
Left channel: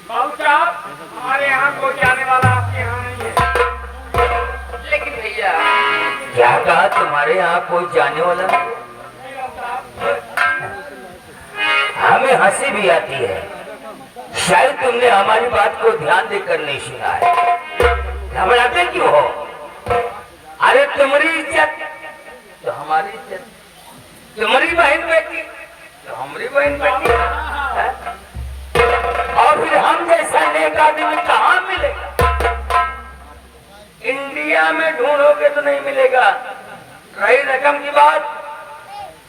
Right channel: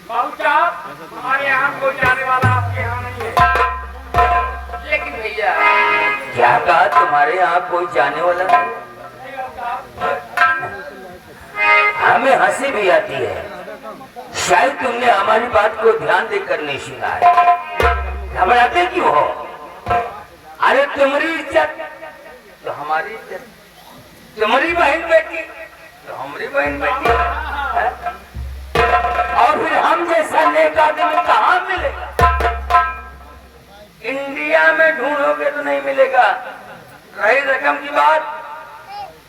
बाबू साहब हमारे यहाँ कोई जाने वाला आपके यहाँ नहीं है। लेकिन भैया क्या कहा, तुम्हारे यहाँ कोई जाने वाला नहीं? हमें हंसी भी आती है, शायद तुमने हमारी बात को ध्यान देकर नहीं सुना है। घबराते क्यों हो? अरे तुम्हारी इज्जत तो हमारी इज्जत, तुम्हारी बहन बेटी तो हमारी बहन बेटी है? और फिर हम जैसा नेक आदमी कहाँ मिलेगा? इंडिया में ढूंढोगे तो नहीं मिलेगा। रही रकम की बात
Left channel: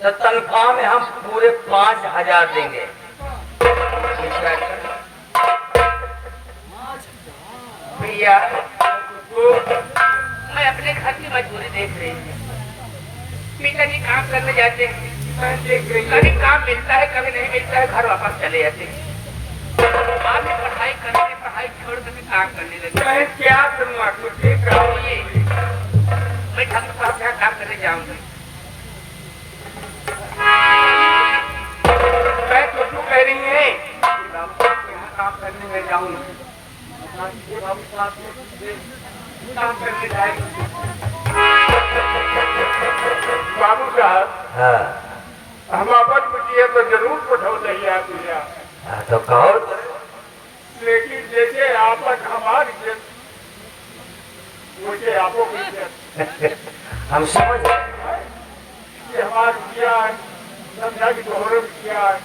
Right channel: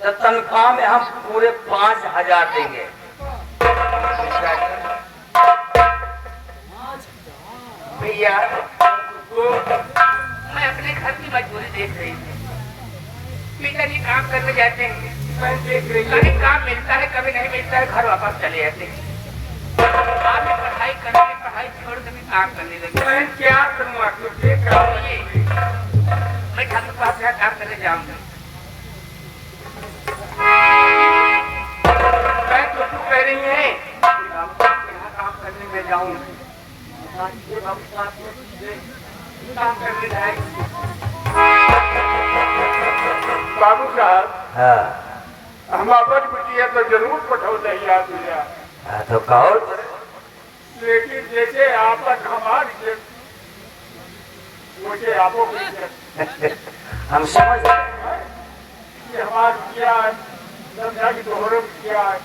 तो तनख्वाह में हम पूरे 5,000 देंगे। भैया मैं अपने घर की मजबूरी देख रही हूँ, पिताजी काम करने जाते हैं, मैं देख रही हूँ कभी काम मिलता है कभी नहीं मिलता है, घर वापस चले जाते हैं। आपने पढ़ाई करके पढ़ाई छोड़ कर काम करने लगे। मैं क्या करूँगा, कुछ देख रहा हूँ। ये मैं घर के पास काम करने जाऊंगी। मैं छोटू कह रही हैं कि बाबू साहब के यहाँ काम करने में जाऊँ, ये बाबू साहब को काम करने जाएंगे। बाबू साहब हाँ हम अपन बिटिया तो जरूर पठाओ नहीं आप भैया, हाँ, तो कहो लेकिन जैसे आपन हमारी इज्जत वैसे आपो की इज्जत। हम समझ गए। ये हमारी बिटिया है, समझा कि तोहरे बिटिया है,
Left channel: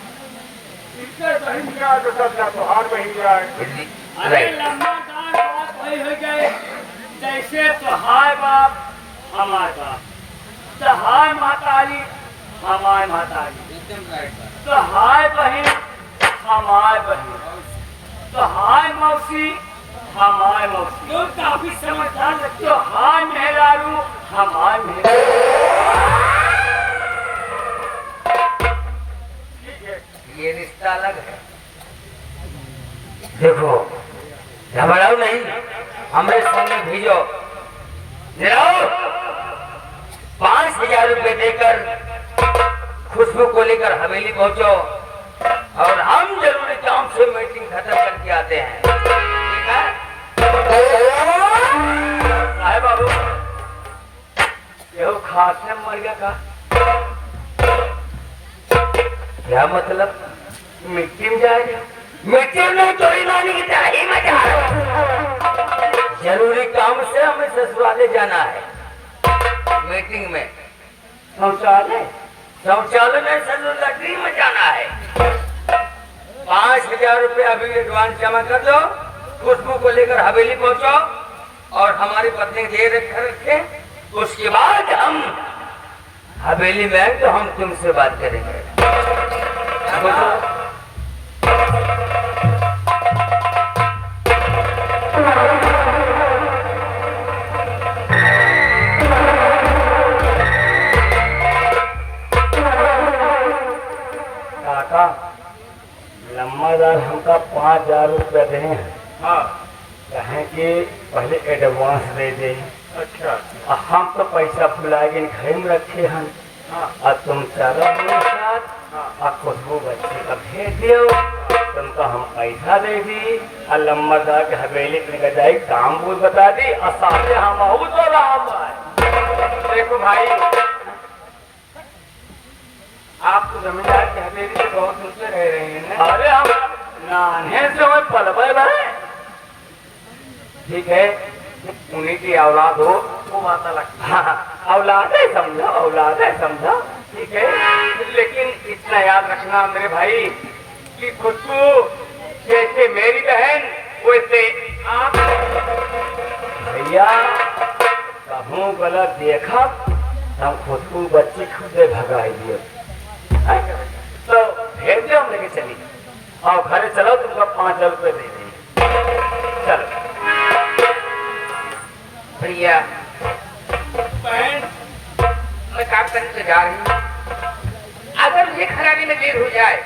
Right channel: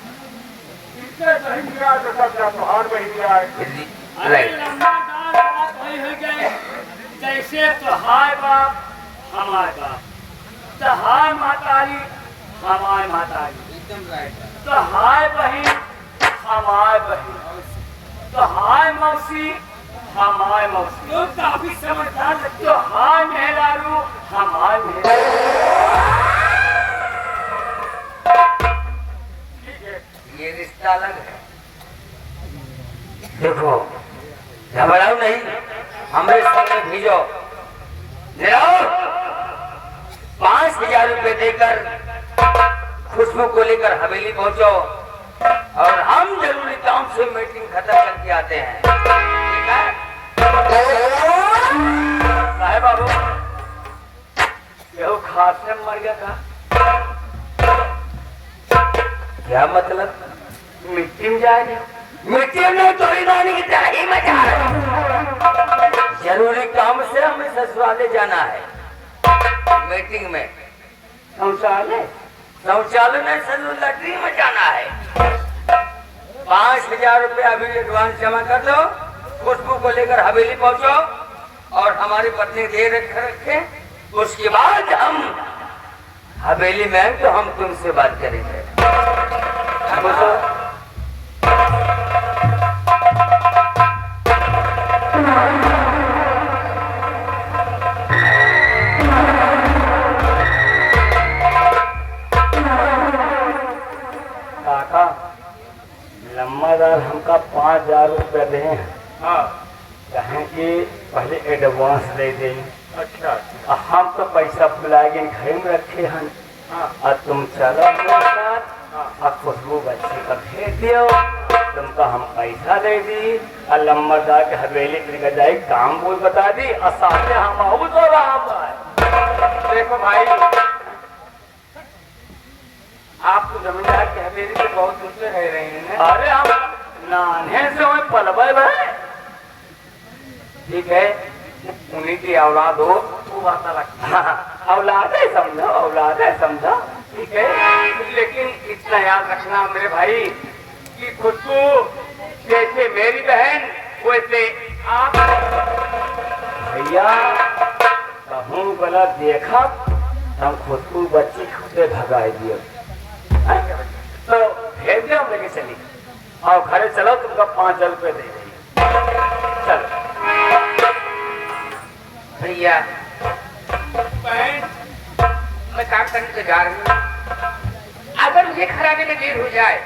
इससे नहीं मिला तो समझा तोहार बही जाए। अरे राइट। लंबादार बात वही हो गए, जैसे तोहार बाप हमारे बाप, तोहार मातारी हमारे मातारी, तोहार बहन हमारे बहन, तोहार मौसी हमारे मौसी, तो काफी समझदार लगते हो। तोहार मेहरारू हमारे मेहरारू। ठीक है, ये रिश्ता अलग है। देखो घबराओ नहीं, हमारे सामने भेजो, जाओ 5,000 रुपए देकर खुशबू को लेकर हवेली पहुंचो और हम जरूरी काम से मीटिंग खत्म करके आते हैं। ठीक है साहेब बाबू, यह खास में मर गया का क्या मतलब? मिट्टी में जा रहे हो? मिट्टी में चोरी मारने की तराही में जा रहे हो? जरूरी काम से हमें ससुराले जाना है, मीटिंग में। शौचालय शौचालय में ससुराली में जाना है। 5,000 रुपये अभी एडवांस जमा कर दो, खुशबू को लेकर हवेली पहुंचो और हमारी पत्नी दे रखे, उसके बाद हम हवेली में आए तो हम तुमसे बात करेंगे। काका लम्बादार हमका 5,000 रुपये दे हैं, हाँ कहें कि पहले एडवांस दे दे। अच्छा, हम तो पैसा भुलाएंगे घर में रखे हैं, हाँ और तुम चलो मेरे साथ और खुशबू बच्ची का भेज दियो, तुमको हम पैसा दे दी और लम्बादार के हवेली लेकर जाए, काम बोल बता दी और सामने हम आहू तो राम है। देखो भाई, आप तो जमींदार की हवेली से बहुत दूर से रह रहे हैं। अरे हम नाने से वही पलबे भाई, ठीक है, उन्हीं की औलाद हो वो बात अलग। हाँ, औलाद है समझो, औलाद है समझो। ठीक है, लेकिन इतना याद रखना मेरे भाई कि खुशबू जैसे मेरी बहन वैसे आप। भैया कहूँ गलत देखा हम खुशबू बच्ची खुदे भगाई दिए, तो भेज दे, हम लेके चली और घरे चलो, तुमको 5,000 रुपये दे देंगे। चलो भैया बहन, मैं काम करने तो जा रही हूँ, अगर मुझे खराबे में देर हो जाए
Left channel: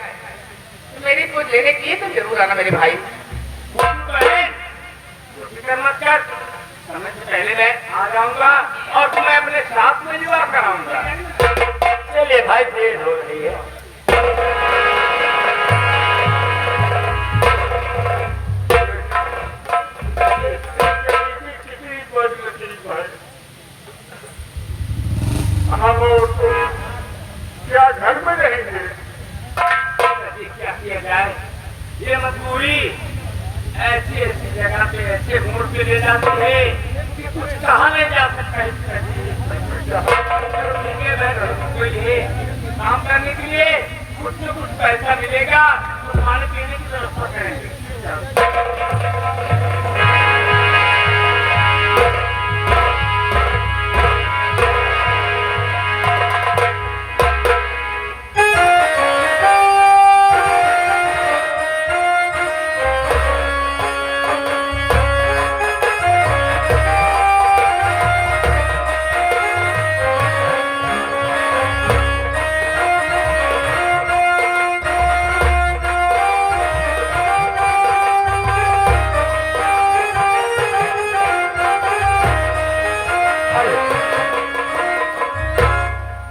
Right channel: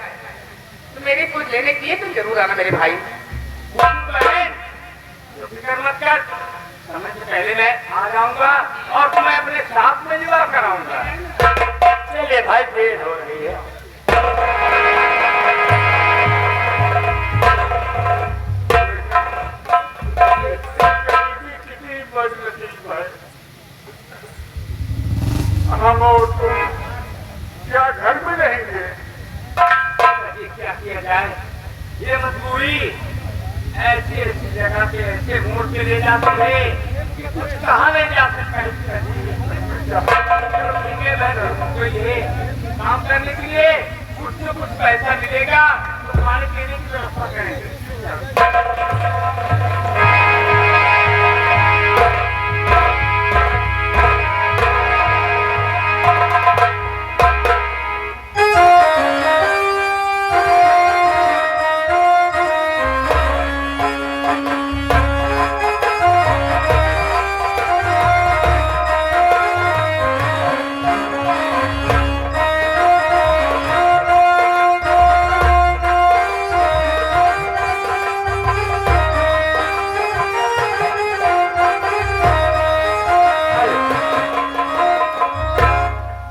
तो मेरी कुछ लेने के लिए तुम जरूर आना मेरे भाई। बहन फिक्र मत कर, समय से पहले मैं आ जाऊंगा और तुम्हें अपने साथ में विवाह कराऊंगा। चलिए भाई, देर हो रही है। हम और तुम क्या घर में रहेंगे? क्या किया जाए, ये मजबूरी ऐसी ऐसी जगह पे ऐसे मोड़ पे ले जाते हैं कि कुछ कहा नहीं जा सकता। ठीक है, मैं तुमको ये काम करने के लिए कुछ न कुछ पैसा मिलेगा, तो खाने पीने की व्यवस्था करेंगे।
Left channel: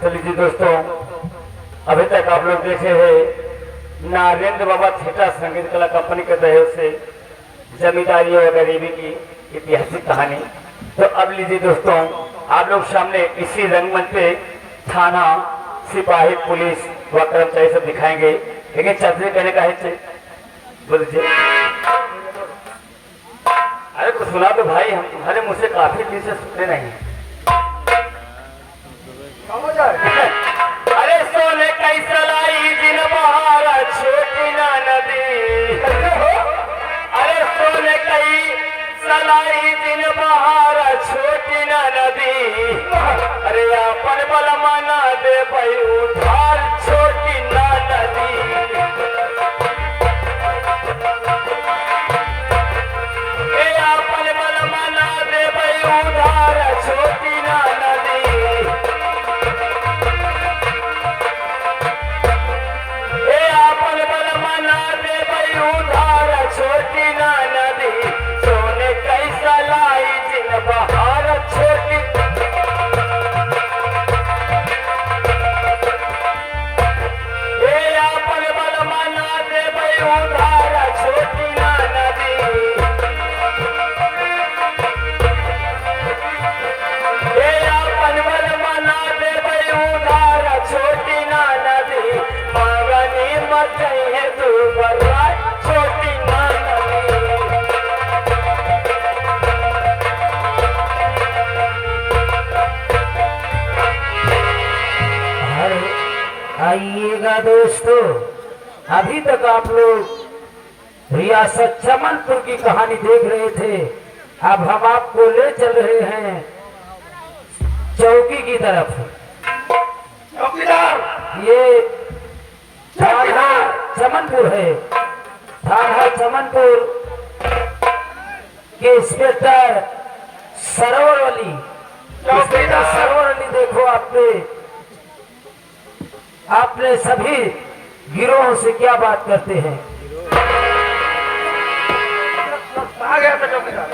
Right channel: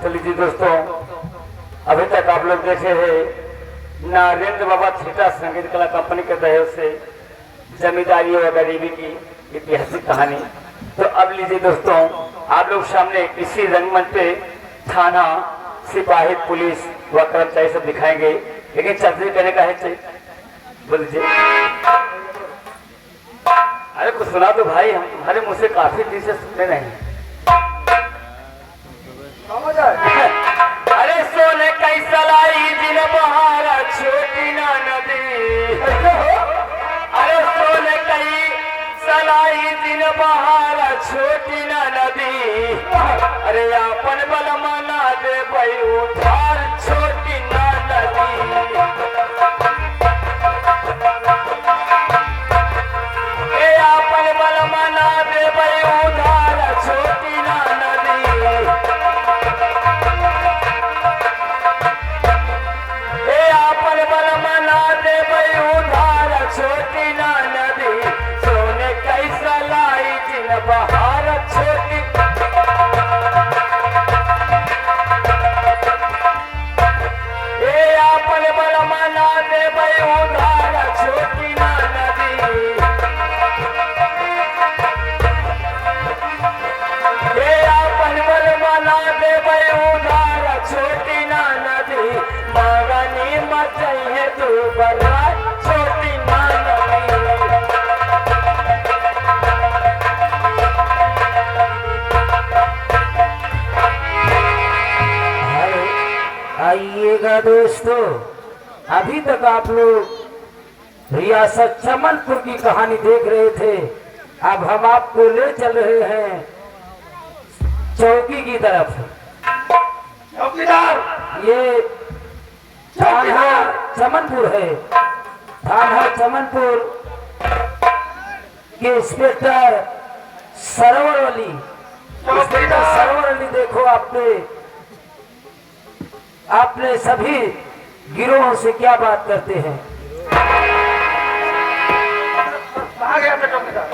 चलिए जी दोस्तों, अभी तक आप लोग देखे हैं नारेंद्र बाबा थिएटर संगीत कला कंपनी के सहयोग से जमींदारी और गरीबी की ऐतिहासिक कहानी। तो अब लीजिए दोस्तों, आप लोग सामने इसी रंगमंच पे थाना, सिपाही, पुलिस व कर्मचारी सब दिखाएंगे, लेकिन चर्चा करने का है बोल दीजिए। अरे कुछ सुना तो भाई, हम तुम्हारे मुँह से काफी दिन से सुनते नहीं। अरे सोने कैसा लाई जिन बहारा छोटी ना नदी। अरे सोने कई सलाई दिन बहारा छोटी ना नदी। अरे अपन बल माना दे भाई उधार छोटी ना नदी। अपन बल माना दे भाई उधार छोटी ना नदी। अपन बल मना दे भाई उधार छोटी ना नदी। सोने कैसा लाई जिन बहार छोटी। अपन बल मना दे भाई उधार छोटी ना नदी। अपन बल मना दे भाई उधार छोटी ना नदी। मगनी मत है तू बर्बाद छोटी ना नदी। अरे आइएगा दोस्तों, अभी तक आप लोग रियासत चमनपुर की कहानी देख रहे थे। अब हम आपको ले चल रहे हैं चौकी की तरफ। चौकीदार ये थाना चमनपुर है। थाना चमनपुर के इंस्पेक्टर सरोवर अली। इंस्पेक्टर सरोवर अली, देखो आपने सभी गिरोहों से क्या बात करते हैं। कहाँ गया था चौकीदार?